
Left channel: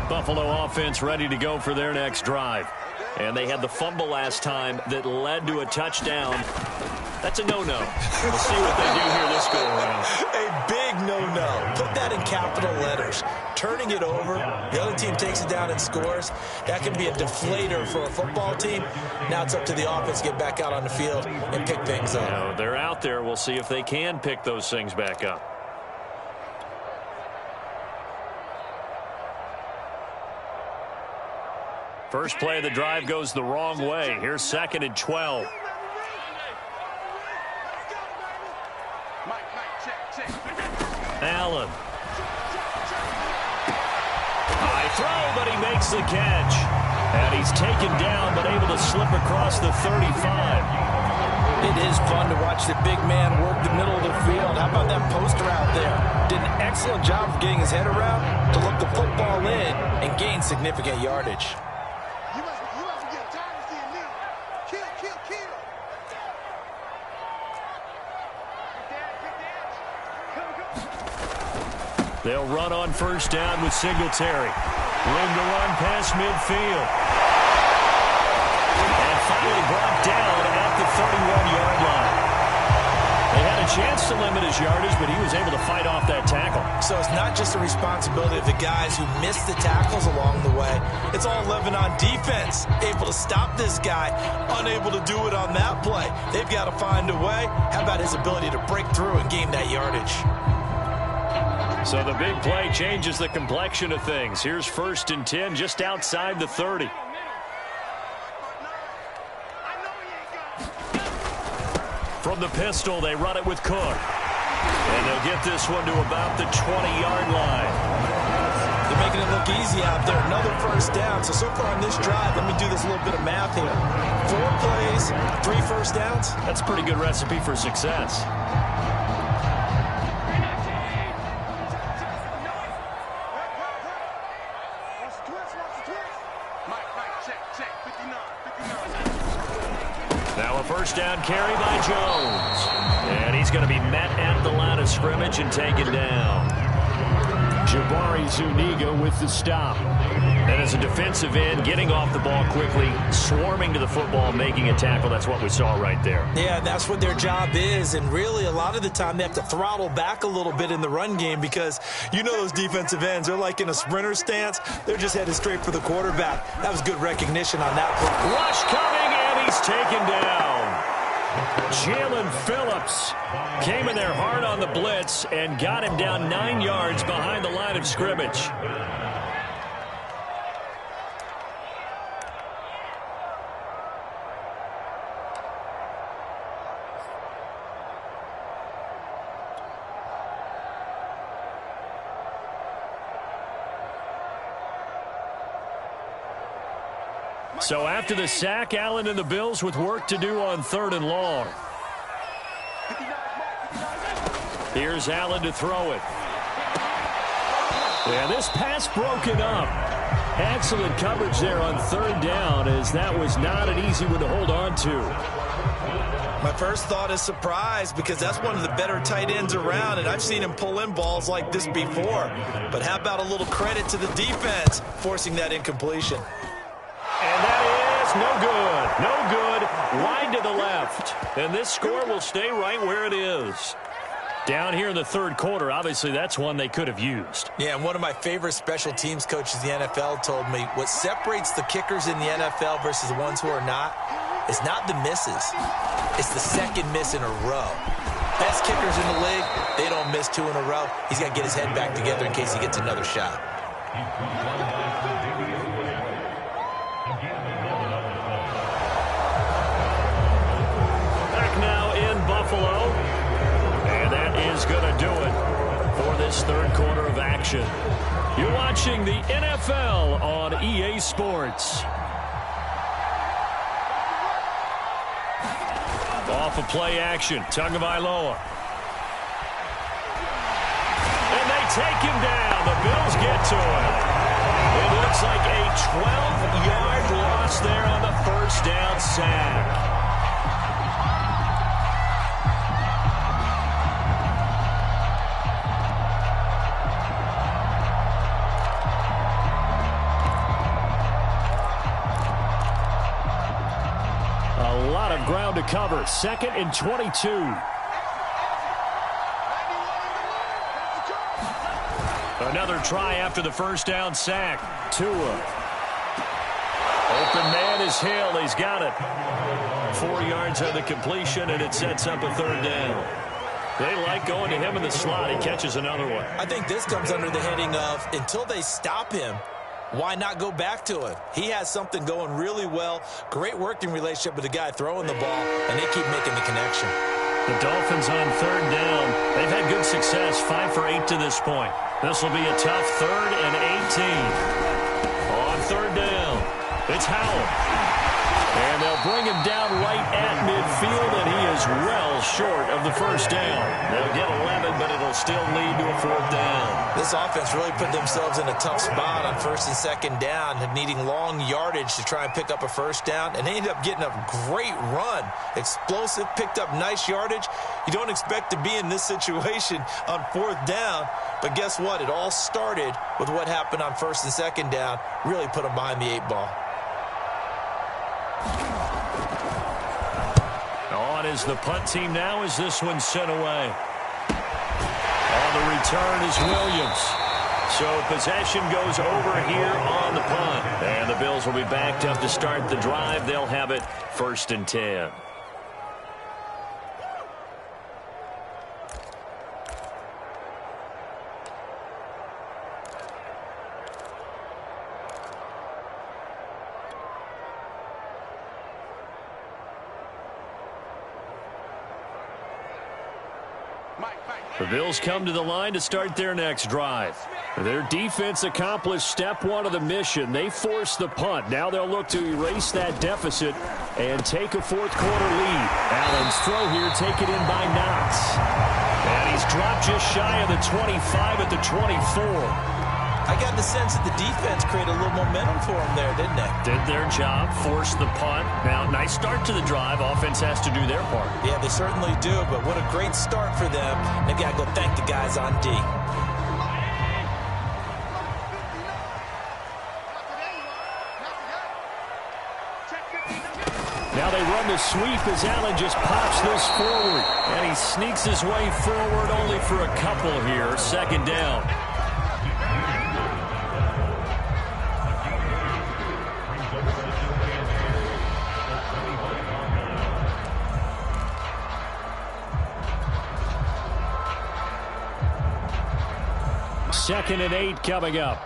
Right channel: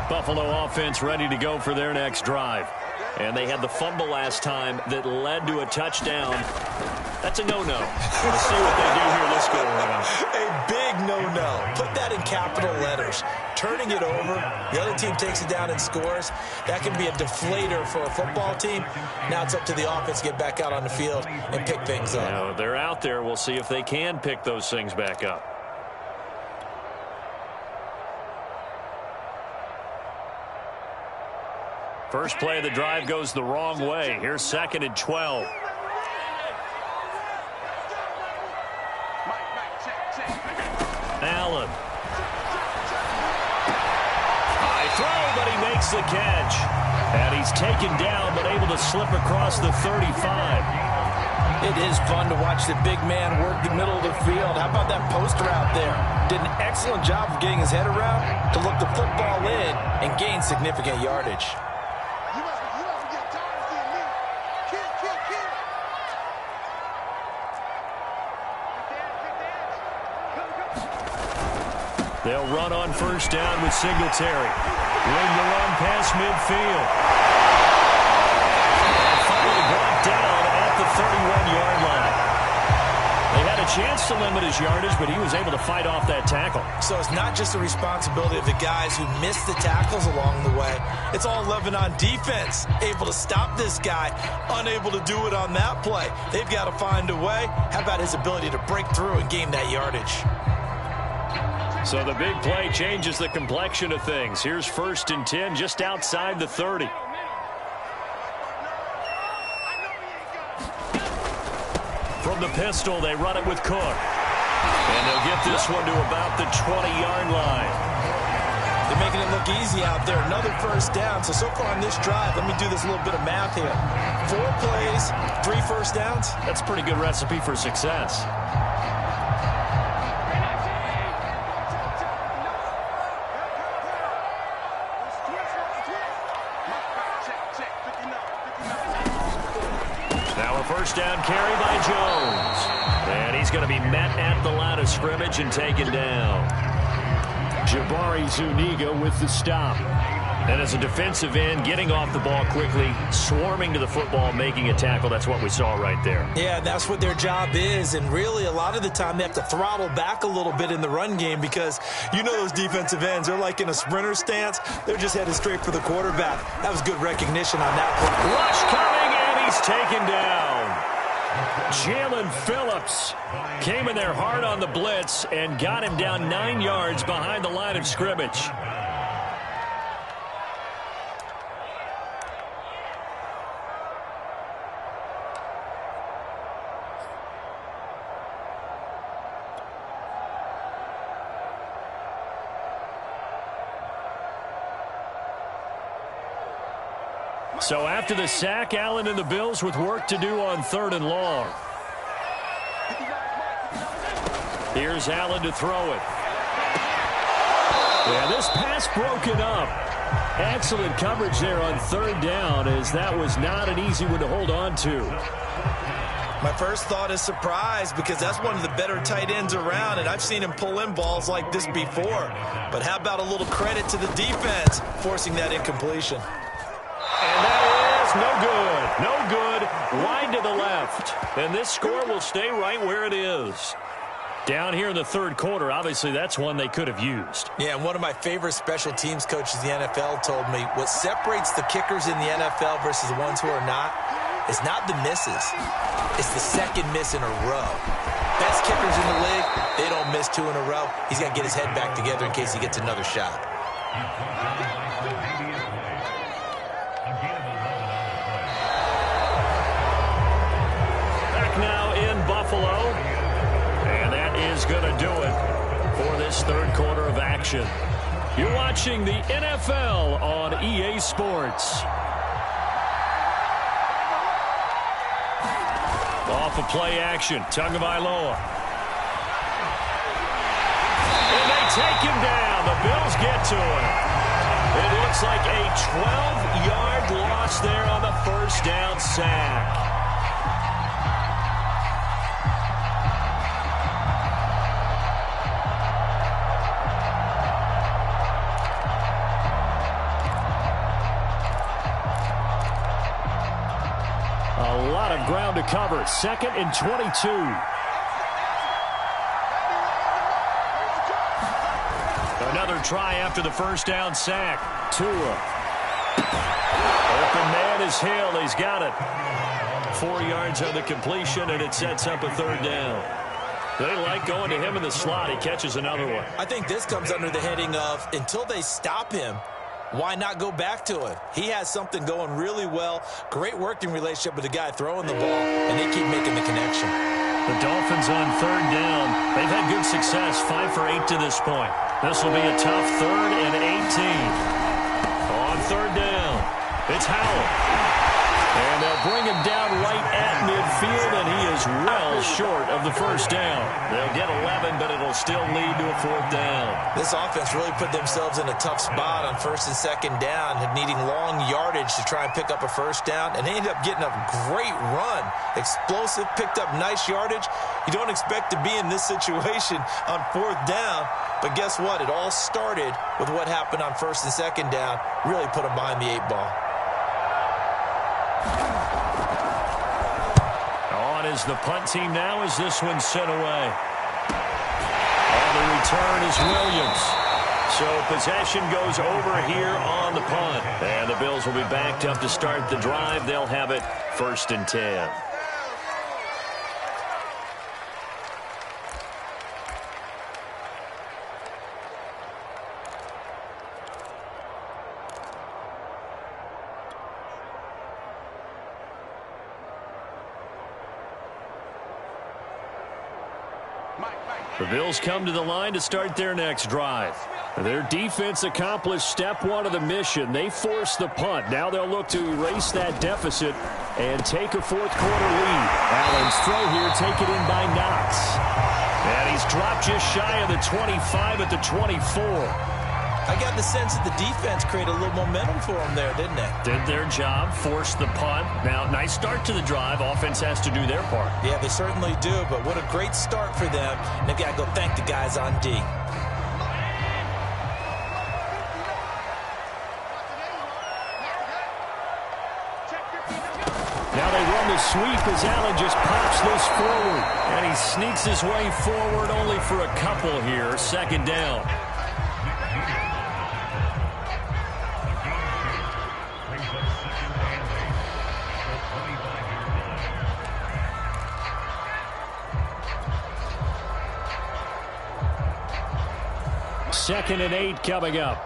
Buffalo offense ready to go for their next drive. And they had the fumble last time that led to a touchdown. That's a no-no. We'll see what they do here this go-around. A big no-no. Put that in capital letters. Turning it over, the other team takes it down and scores. That can be a deflator for a football team. Now it's up to the offense to get back out on the field and pick things up. Now, they're out there. We'll see if they can pick those things back up. First play of the drive goes the wrong way. Here's 2nd and 12. Allen. High throw, but he makes the catch. And he's taken down, but able to slip across the 35. It is fun to watch the big man work the middle of the field. How about that poster out there? Did an excellent job of getting his head around to look the football in and gain significant yardage. They'll run on first down with Singletary. Room to run past midfield. And finally brought down at the 31-yard line. They had a chance to limit his yardage, but he was able to fight off that tackle. So it's not just the responsibility of the guys who missed the tackles along the way. It's all 11 on defense. Able to stop this guy, unable to do it on that play. They've got to find a way. How about his ability to break through and gain that yardage? So the big play changes the complexion of things. Here's 1st and 10 just outside the 30. From the pistol, they run it with Cook. And they'll get this one to about the 20-yard line. They're making it look easy out there. Another first down. So far on this drive, let me do this little bit of math here. 4 plays, 3 first downs. That's a pretty good recipe for success. Now a first down carry by Jones. And he's going to be met at the line of scrimmage and taken down. Jabari Zuniga with the stop. And as a defensive end, getting off the ball quickly, swarming to the football, making a tackle. That's what we saw right there. Yeah, that's what their job is. And really, a lot of the time, they have to throttle back a little bit in the run game because you know those defensive ends, they're like in a sprinter stance. They're just headed straight for the quarterback. That was good recognition on that play. Rush coming, and he's taken down. Jalen Phillips came in there hard on the blitz and got him down 9 yards behind the line of scrimmage. So after the sack, Allen and the Bills with work to do on 3rd and long. Here's Allen to throw it. Yeah, this pass broken up. Excellent coverage there on 3rd down, as that was not an easy one to hold on to. My first thought is surprise because that's one of the better tight ends around, and I've seen him pull in balls like this before. But how about a little credit to the defense forcing that incompletion? And that is no good. No good. Wide to the left. And this score will stay right where it is. Down here in the 3rd quarter, obviously that's one they could have used. Yeah, and one of my favorite special teams coaches in the NFL told me what separates the kickers in the NFL versus the ones who are not is not the misses. It's the 2nd miss in a row. Best kickers in the league, they don't miss 2 in a row. He's got to get his head back together in case he gets another shot. Back now in Buffalo. And that is going to do it for this 3rd quarter of action. You're watching the NFL on EA Sports. Off of play action, Tagovailoa. And they take him down. The Bills get to him. It looks like a 12-yard loss there on the first down sack. A lot of have ground to cover. 2nd and 22. Another try after the first down sack. Tua. Open man is Hill. He's got it. 4 yards on the completion, and it sets up a 3rd down. They like going to him in the slot. He catches another one. I think this comes under the heading of until they stop him, why not go back to him? He has something going really well. Great working relationship with the guy throwing the ball, and they keep making the connection. The Dolphins on 3rd down. They've had good success, 5 for 8 to this point. This will be a tough 3rd and 18. On 3rd down, it's Howell. And they'll bring him down right at midfield, and he is well short of the first down. They'll get 11, but it'll still lead to a 4th down. This offense really put themselves in a tough spot on 1st and 2nd down, needing long yardage to try and pick up a 1st down, and they ended up getting a great run. Explosive, picked up nice yardage. You don't expect to be in this situation on 4th down, but guess what? It all started with what happened on 1st and 2nd down. Really put them behind the 8 ball. On is the punt team now as this one's sent away. On the return is Williams. So possession goes over here on the punt. And the Bills will be backed up to start the drive. They'll have it 1st and 10. The Bills come to the line to start their next drive. Their defense accomplished step 1 of the mission. They forced the punt. Now they'll look to erase that deficit and take a 4th quarter lead. Allen's throw here taken in by Knox. And he's dropped just shy of the 25 at the 24. I got the sense that the defense created a little momentum for them there, didn't they? Did their job, forced the punt. Now, nice start to the drive. Offense has to do their part. Yeah, they certainly do, but what a great start for them. And they've got to go thank the guys on D. Now they run the sweep as Allen just pops this forward. And he sneaks his way forward only for a couple here. 2nd down. Second and 8 coming up.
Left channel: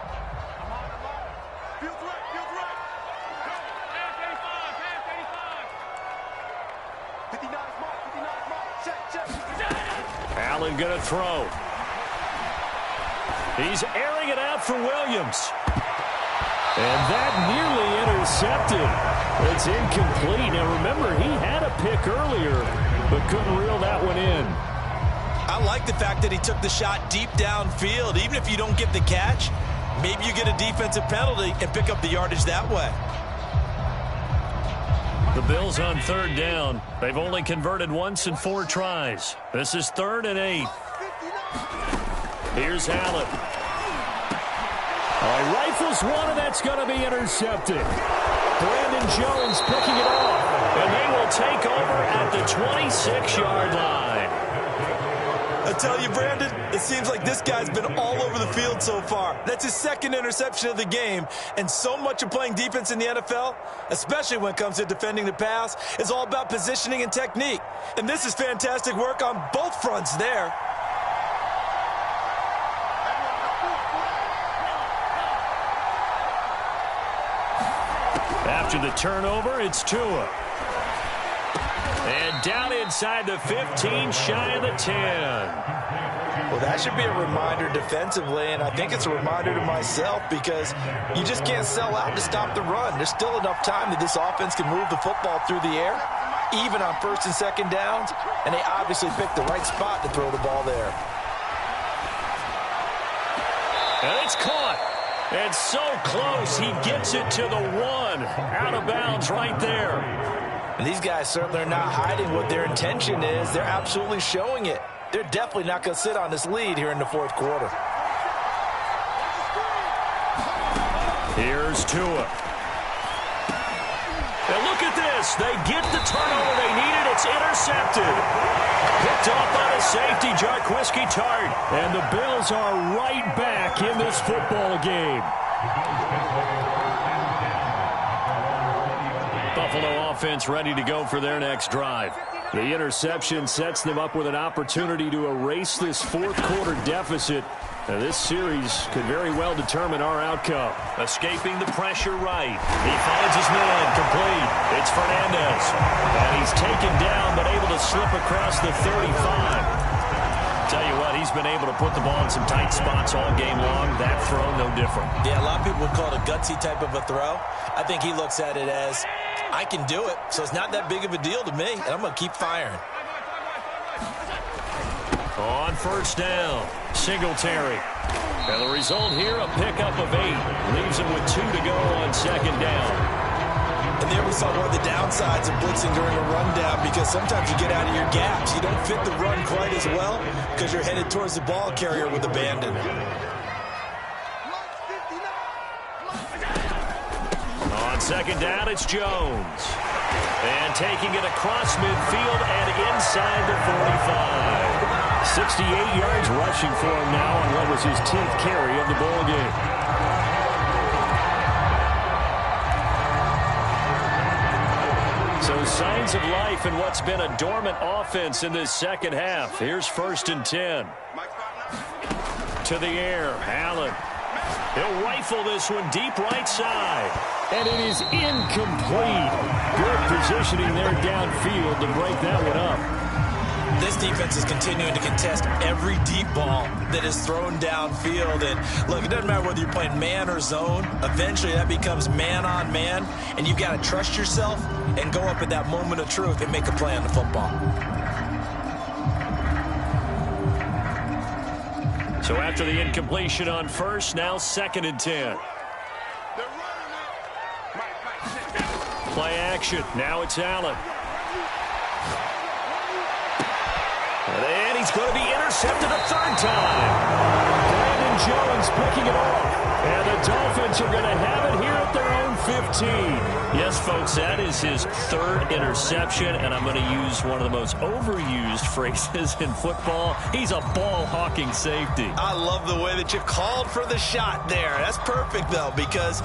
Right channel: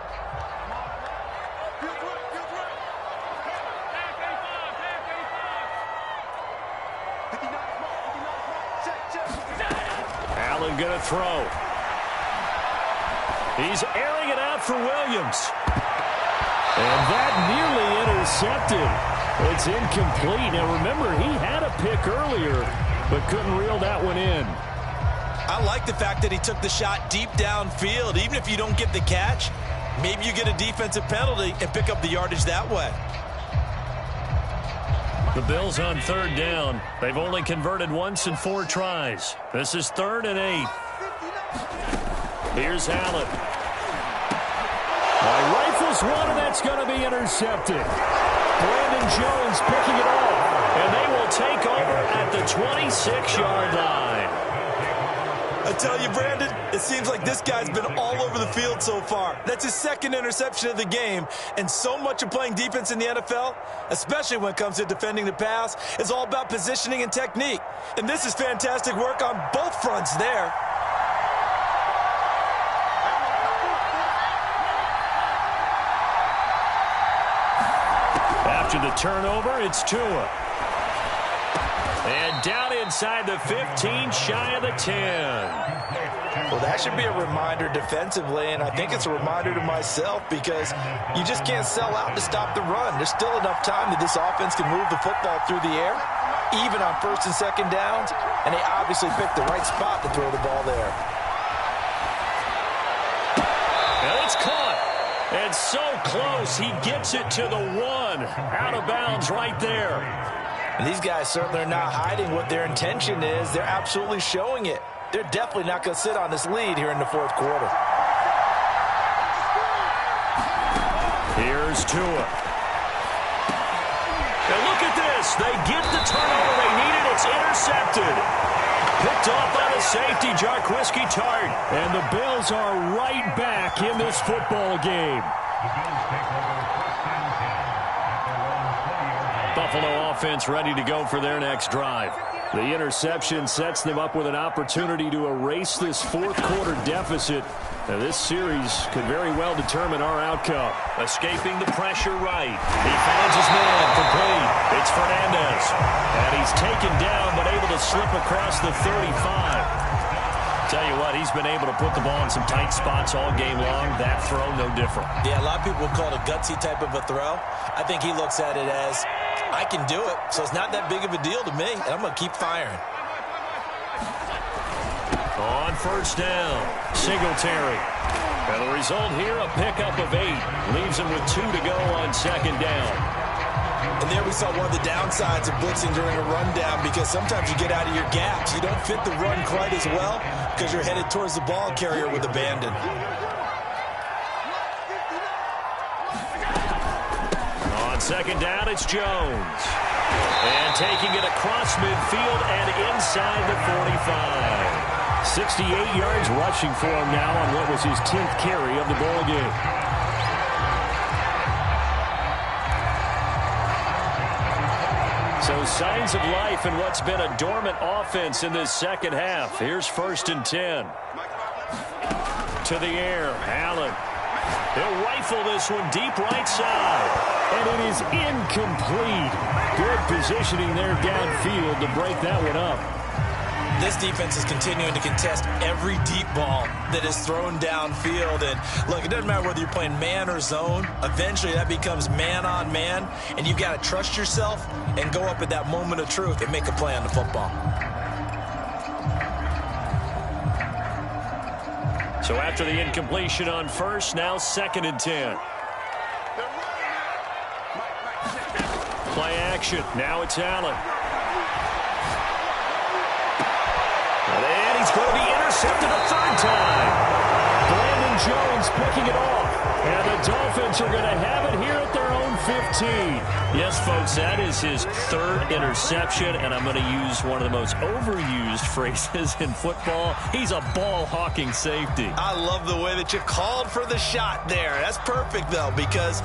Allen gonna throw. He's airing it out for Williams. And that nearly intercepted. It's incomplete. Now remember, he had a pick earlier, but couldn't reel that one in. I like the fact that he took the shot deep downfield. Even if you don't get the catch, maybe you get a defensive penalty and pick up the yardage that way. The Bills on 3rd down. They've only converted once in 4 tries. This is 3rd and 8. Here's Allen. He rifles one, and that's going to be intercepted. Brandon Jones picking it off. And they will take over at the 26-yard line. I tell you, Brandon, it seems like this guy's been all over the field so far. That's his 2nd interception of the game. And so much of playing defense in the NFL, especially when it comes to defending the pass, is all about positioning and technique. And this is fantastic work on both fronts there. After the turnover, it's Tua. And down inside the 15, shy of the 10. Well, that should be a reminder defensively, and I think it's a reminder to myself because you just can't sell out to stop the run. There's still enough time that this offense can move the football through the air, even on 1st and 2nd downs, and they obviously picked the right spot to throw the ball there. And it's caught. And so close, he gets it to the 1. Out of bounds right there. And these guys certainly are not hiding what their intention is. They're absolutely showing it. They're definitely not going to sit on this lead here in the 4th quarter. Here's Tua. And look at this. this. They get the turnover they needed. It's intercepted. Picked off by the safety, Jarquiski Tart. And the Bills are right back in this football game. Buffalo offense ready to go for their next drive. The interception sets them up with an opportunity to erase this fourth-quarter deficit. Now, this series could very well determine our outcome. Escaping the pressure right. He finds his man complete. It's Fernandez. And he's taken down but able to slip across the 35. Tell you what, he's been able to put the ball in some tight spots all game long. That throw, no different. Yeah, a lot of people would call it a gutsy type of a throw. I think he looks at it as, I can do it, so it's not that big of a deal to me, and I'm going to keep firing. On first down, Singletary. And the result here, a pickup of 8. Leaves him with 2 to go on second down. And there we saw one of the downsides of blitzing during a rundown, because sometimes you get out of your gaps. You don't fit the run quite as well because you're headed towards the ball carrier with abandon. On second down, it's Jones. And taking it across midfield and inside the 45. 68 yards rushing for him now on what was his 10th carry of the ball game. So signs of life in what's been a dormant offense in this second half. Here's 1st and 10. To the air, Allen. He'll rifle this one deep right side. And it is incomplete. Good positioning there downfield to break that one up. This defense is continuing to contest every deep ball that is thrown downfield. And look, it doesn't matter whether you're playing man or zone. Eventually that becomes man on man. And you've got to trust yourself and go up at that moment of truth and make a play on the football. So after the incompletion on first, now 2nd and 10. Play action. Now it's Allen. And he's going to be intercepted a 3rd time. Brandon Jones picking it off. And the Dolphins are going to have it here at their own 15. Yes, folks, that is his 3rd interception, and I'm going to use one of the most overused phrases in football. He's a ball-hawking safety. I love the way that you called for the shot there. That's perfect, though, because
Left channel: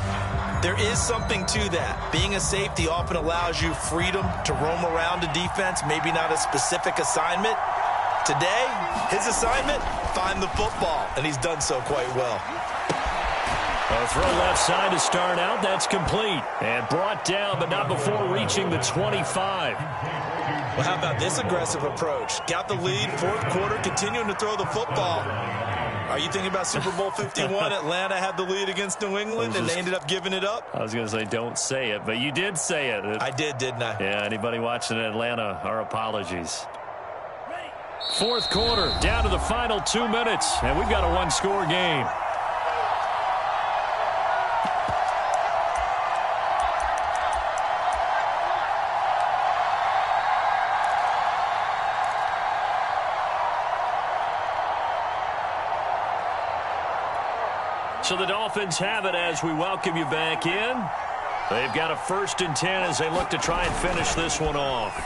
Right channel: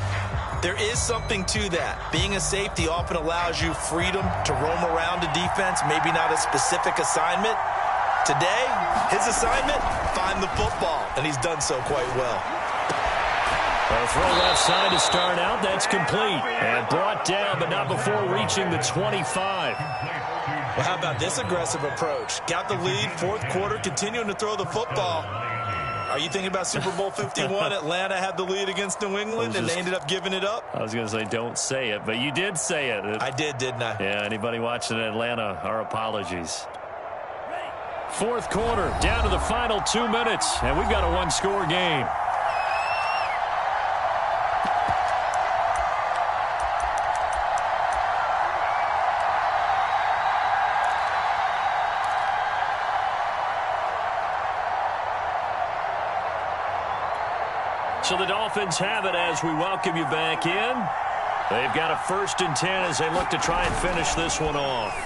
there is something to that. Being a safety often allows you freedom to roam around a defense, maybe not a specific assignment. Today, his assignment, find the football, and he's done so quite well. A throw left side to start out. That's complete. And brought down, but not before reaching the 25. Well, how about this aggressive approach? Got the lead, 4th quarter, continuing to throw the football. Are you thinking about Super Bowl 51? Atlanta had the lead against New England, and they ended up giving it up? I was going to say, don't say it, but you did say it. I did, didn't I? Yeah, anybody watching Atlanta, our apologies. 4th quarter, down to the final 2 minutes, and we've got a 1-score game. So the Dolphins have it as we welcome you back in. They've got a 1st and 10 as they look to try and finish this one off.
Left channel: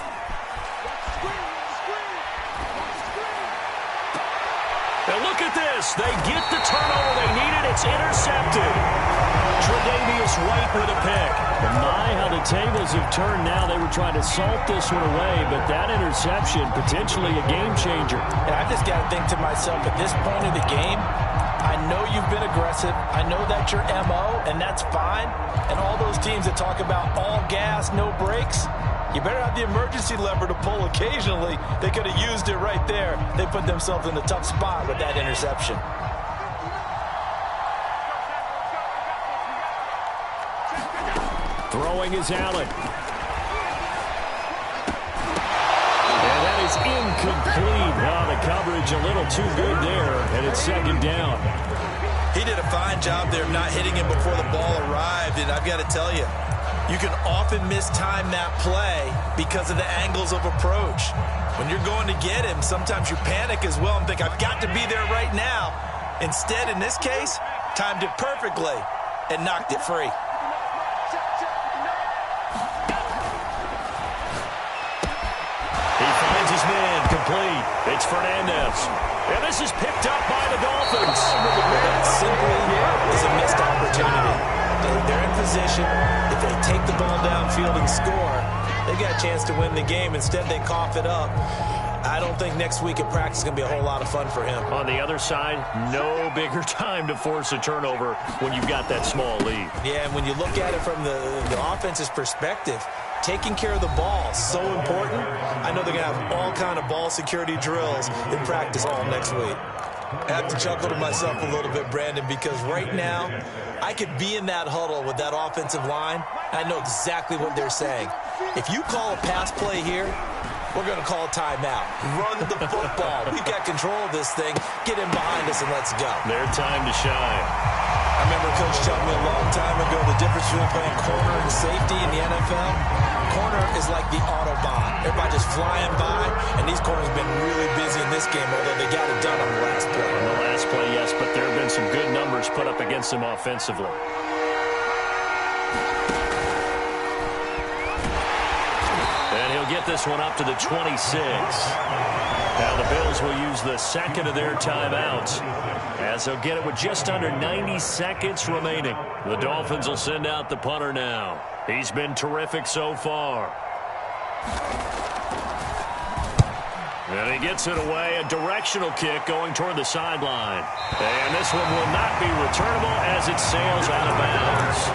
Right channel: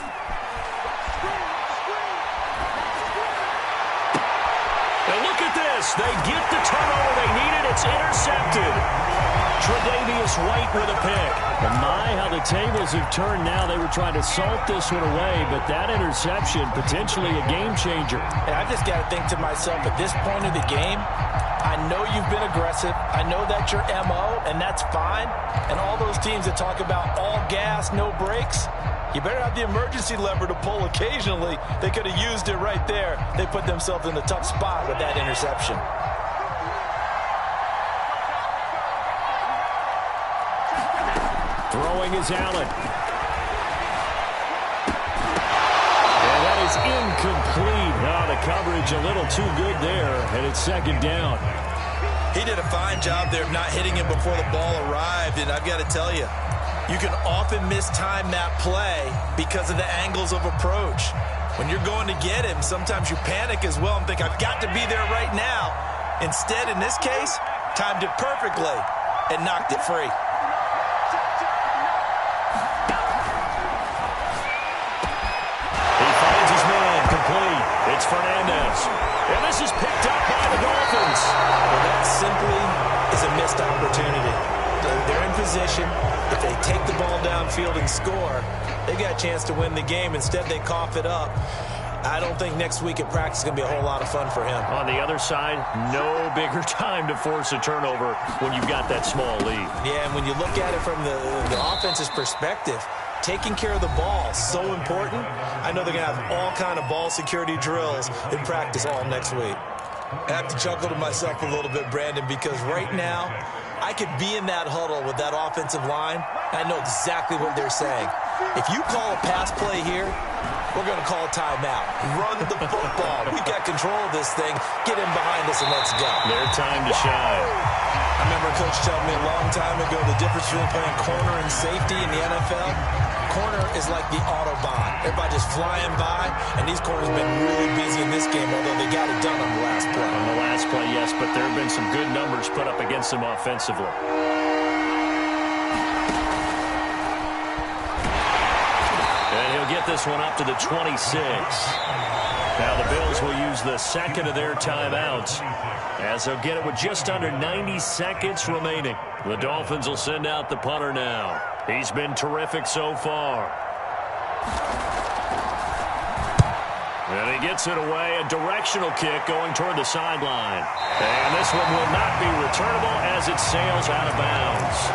And look at this. They get the turnover they needed. It's intercepted. Tre'Davious White with a pick. And my, how the tables have turned now. They were trying to salt this one away, but that interception, potentially a game changer. And I just got to think to myself, at this point of the game, I know you've been aggressive. I know that's your MO, and that's fine. And all those teams that talk about all gas, no brakes, you better have the emergency lever to pull occasionally. They could have used it right there. They put themselves in a tough spot with that interception. Throwing is Allen. And that is incomplete. Oh, the coverage a little too good there, and it's 2nd down. He did a fine job there of not hitting him before the ball arrived, and I've got to tell you, you can often mistime that play because of the angles of approach. When you're going to get him, sometimes you panic as well and think, I've got to be there right now. Instead, in this case, timed it perfectly and knocked it free. incomplete. It's Fernandez. And this is picked up by the Dolphins. Well, that simply is a missed opportunity. They're in position. If they take the ball downfield and score, they got a chance to win the game. Instead, they cough it up. I don't think next week at practice is going to be a whole lot of fun for him. On the other side, no bigger time to force a turnover when you've got that small lead. Yeah, and when you look at it from the offense's perspective, taking care of the ball is so important. I know they're going to have all kind of ball security drills in practice all next week. I have to chuckle to myself a little bit, Brandon, because right now I could be in that huddle with that offensive line, and I know exactly what they're saying. If you call a pass play here, we're going to call a timeout. Run the football. We've got control of this thing. Get in behind us and let's go. Their time to shine. I remember Coach telling me a long time ago the difference between playing corner and safety in the NFL. Corner is like the Autobahn. Everybody just flying by, and these corners have been really busy in this game, although they got it done on the last play. On the last play, yes, but there have been some good numbers put up against them offensively. And he'll get this one up to the 26. Now the Bills will use the second of their timeouts, as they'll get it with just under 90 seconds remaining. The Dolphins will send out the punter now. He's been terrific so far. And he gets it away, a directional kick going toward the sideline. And this one will not be returnable as it sails out of bounds.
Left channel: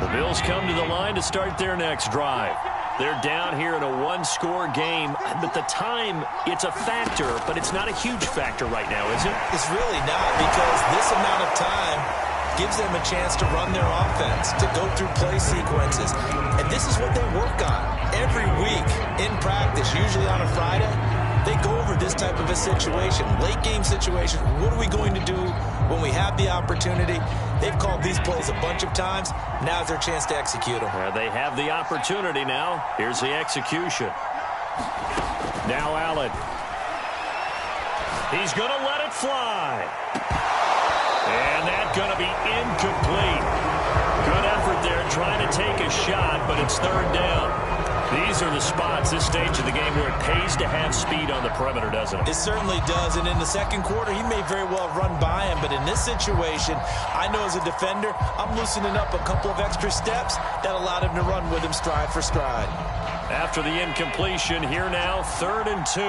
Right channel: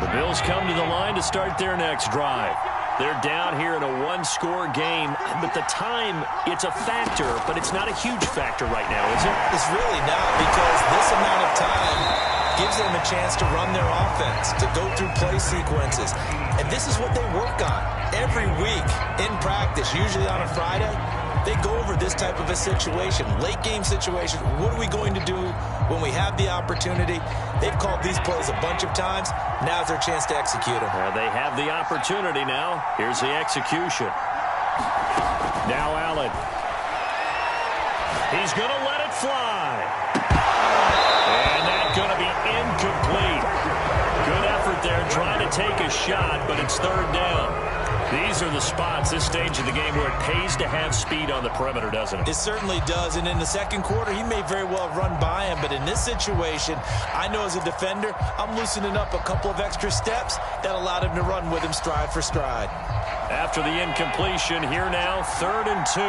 The Bills come to the line to start their next drive. They're down here in a one-score game, but the time, it's a factor, but it's not a huge factor right now, is it? It's really not, because this amount of time gives them a chance to run their offense, to go through play sequences. And this is what they work on every week in practice, usually on a Friday. They go over this type of a situation, late game situation. What are we going to do when we have the opportunity? They've called these plays a bunch of times. Now's their chance to execute them. They have the opportunity now. Here's the execution. Now Allen. He's going to let it fly. And that's going to be incomplete. Good effort there trying to take a shot, but it's third down. These are the spots, this stage of the game, where it pays to have speed on the perimeter, doesn't it? It certainly does, and in the second quarter, he may very well run by him, but in this situation, I know as a defender, I'm loosening up a couple of extra steps that allowed him to run with him stride for stride. After the incompletion, here now, 3rd and 2.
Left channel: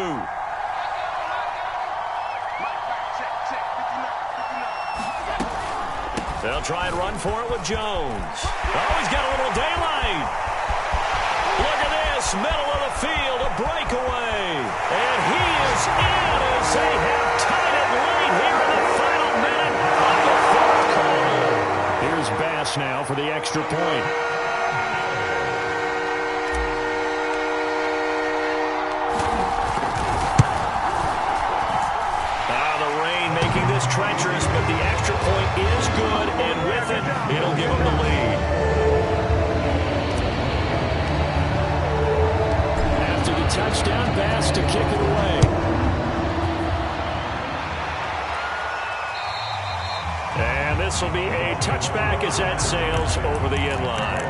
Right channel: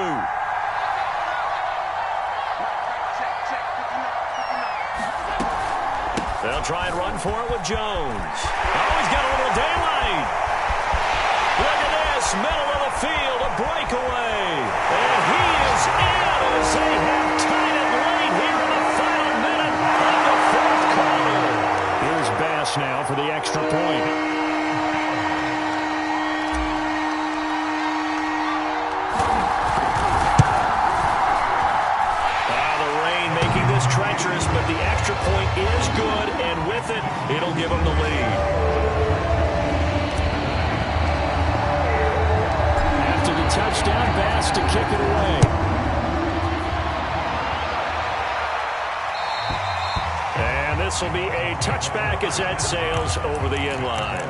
They'll try and run for it with Jones. Oh, he's got a little daylight. Look at this, middle of the field, a breakaway. And he is in as they have tied it late here in the final minute of the fourth quarter. Here's Bass now for the extra point. The rain making this treacherous, but the extra point is good, and with it, it'll give them the lead. Touchdown, Bass to kick it away. And this will be a touchback as that sails over the end line.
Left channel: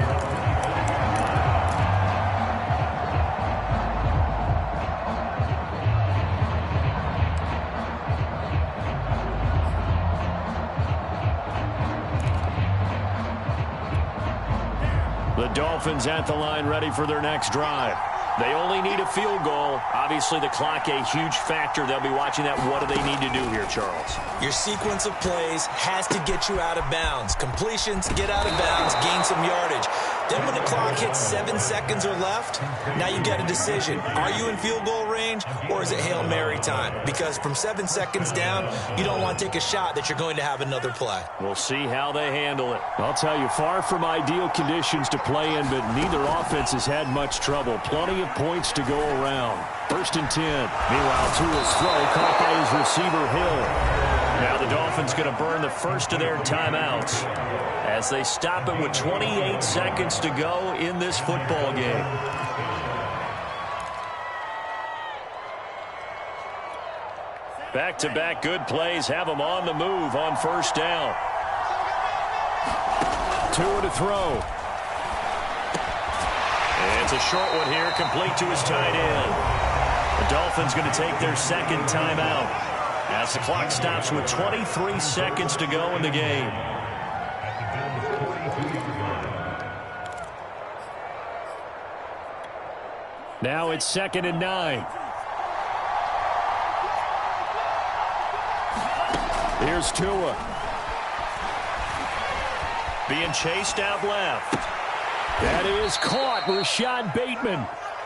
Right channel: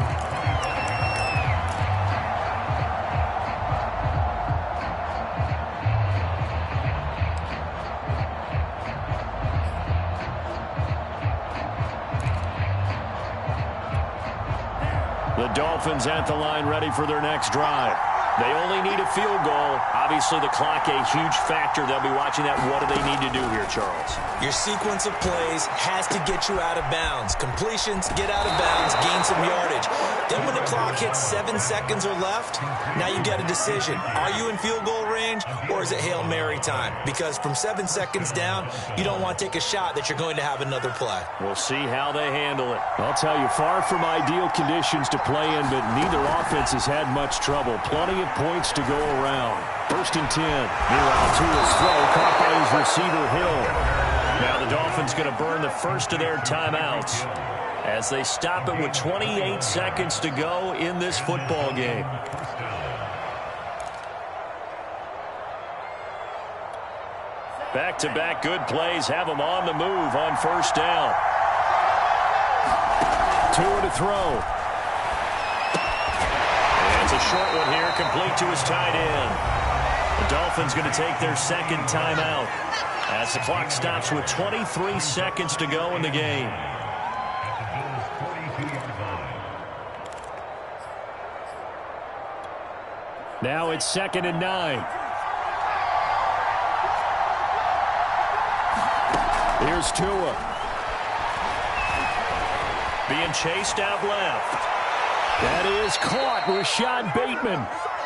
The Dolphins at the line ready for their next drive. They only need a field goal. Obviously, the clock a huge factor. They'll be watching that. What do they need to do here, Charles? Your sequence of plays has to get you out of bounds. Completions, get out of bounds, gain some yardage. Then when the clock hits 7 seconds or left, now you get a decision. Are you in field goal range, or is it Hail Mary time? Because from 7 seconds down, you don't want to take a shot that you're going to have another play. We'll see how they handle it. I'll tell you, far from ideal conditions to play in, but neither offense has had much trouble. Plenty of points to go around. 1st and 10. Meanwhile, Tua's throw caught by his receiver, Hill. Now the Dolphins going to burn the first of their timeouts as they stop it with 28 seconds to go in this football game. Back-to-back good plays have him on the move on first down. 2 to throw. It's a short one here, complete to his tight end. The Dolphins going to take their second timeout as the clock stops with 23 seconds to go in the game. Now it's 2nd and 9. Here's Tua. Being chased out left. That is caught. Rashad Bateman.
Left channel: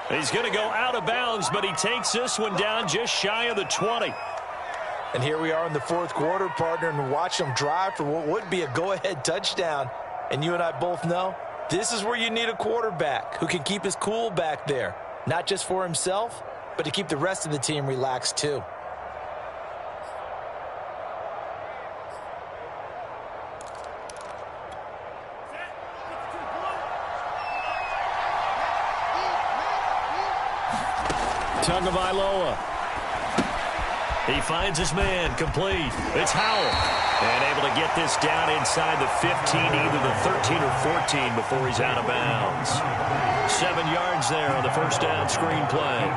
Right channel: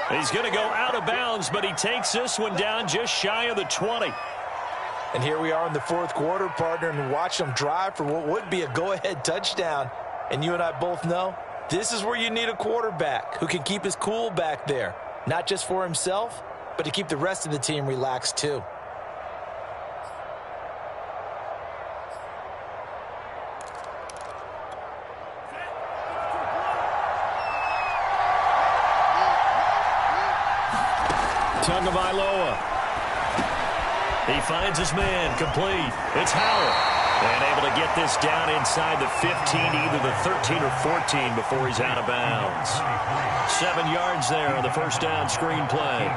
He's going to go out of bounds, but he takes this one down just shy of the 20. And here we are in the fourth quarter, partner, and watch them drive for what would be a go-ahead touchdown. And you and I both know this is where you need a quarterback who can keep his cool back there. Not just for himself, but to keep the rest of the team relaxed too. Tagovailoa. He finds his man, complete. It's Howell. And able to get this down inside the 15, either the 13 or 14 before he's out of bounds. 7 yards there on the first down screen play.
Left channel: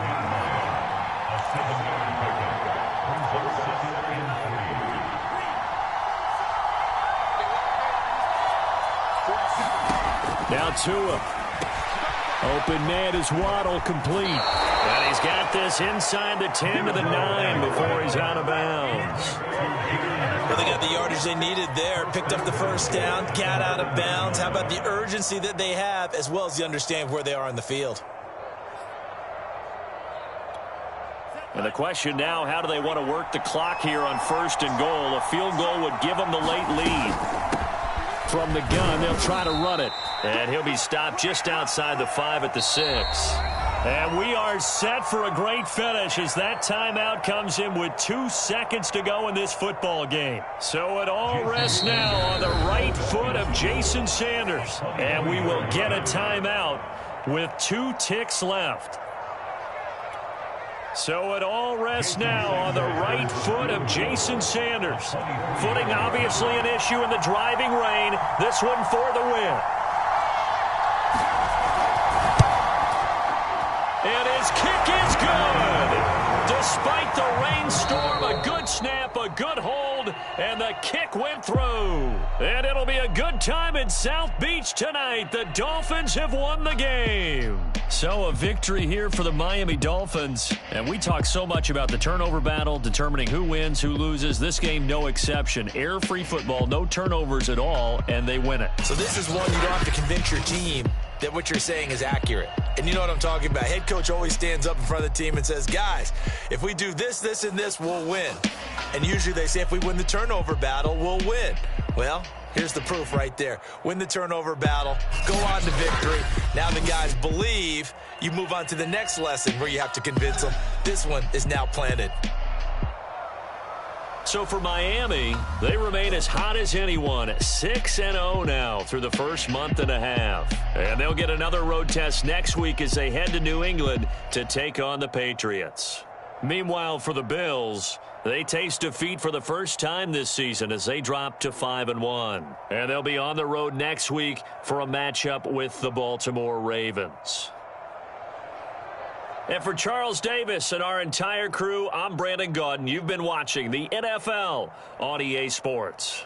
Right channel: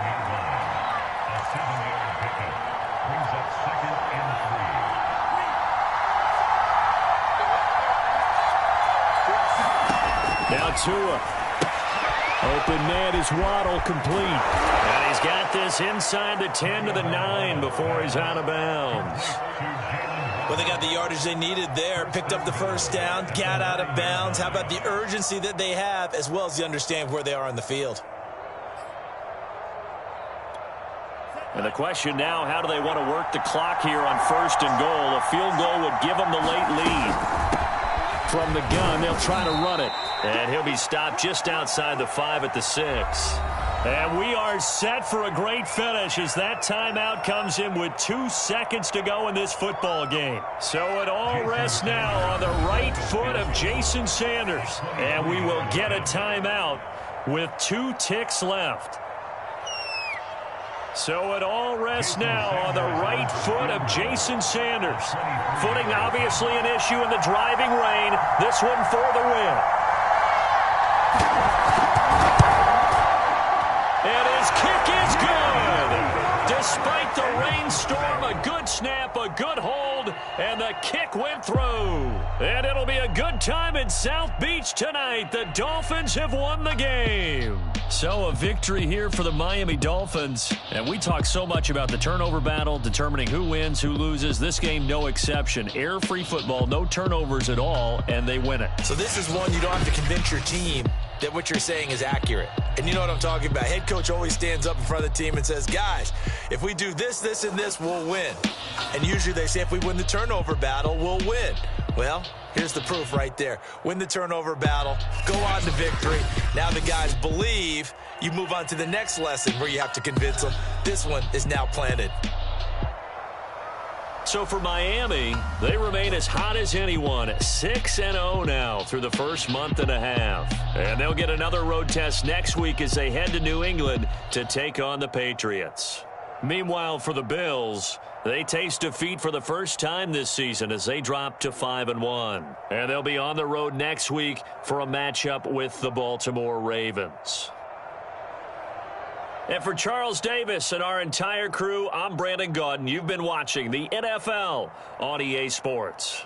Now Tua. Open man is Waddle, complete. And he's got this inside the 10 to the 9 before he's out of bounds. Well, they got the yardage they needed there. Picked up the first down, got out of bounds. How about the urgency that they have, as well as the understanding where they are on the field? And the question now, how do they want to work the clock here on 1st and goal? A field goal would give them the late lead. From the gun, they'll try to run it. And he'll be stopped just outside the 5 at the 6. And we are set for a great finish as that timeout comes in with 2 seconds to go in this football game. So it all rests now on the right foot of Jason Sanders. And we will get a timeout with 2 ticks left. So it all rests now on the right foot of Jason Sanders. Footing obviously an issue in the driving rain. This one for the win. And his kick is good. Despite the rainstorm, a good snap, a good hold, and the kick went through. And it'll be a good time in South Beach tonight. The Dolphins have won the game. So a victory here for the Miami Dolphins. And we talk so much about the turnover battle, determining who wins, who loses. This game, no exception. Air-free football, no turnovers at all, and they win it. So this is one you don't have to convince your team that what you're saying is accurate. And you know what I'm talking about. Head coach always stands up in front of the team and says, guys, if we do this, this, and this, we'll win. And usually they say if we win the turnover battle, we'll win. Well, here's the proof right there. Win the turnover battle, go on to victory. Now the guys believe. You move on to the next lesson where you have to convince them. This one is now planted. So for Miami, they remain as hot as anyone, 6-0 now through the first month and a half. And they'll get another road test next week as they head to New England to take on the Patriots. Meanwhile, for the Bills, they taste defeat for the first time this season as they drop to 5-1. And they'll be on the road next week for a matchup with the Baltimore Ravens. And for Charles Davis and our entire crew, I'm Brandon Gaudin. You've been watching the NFL on EA Sports.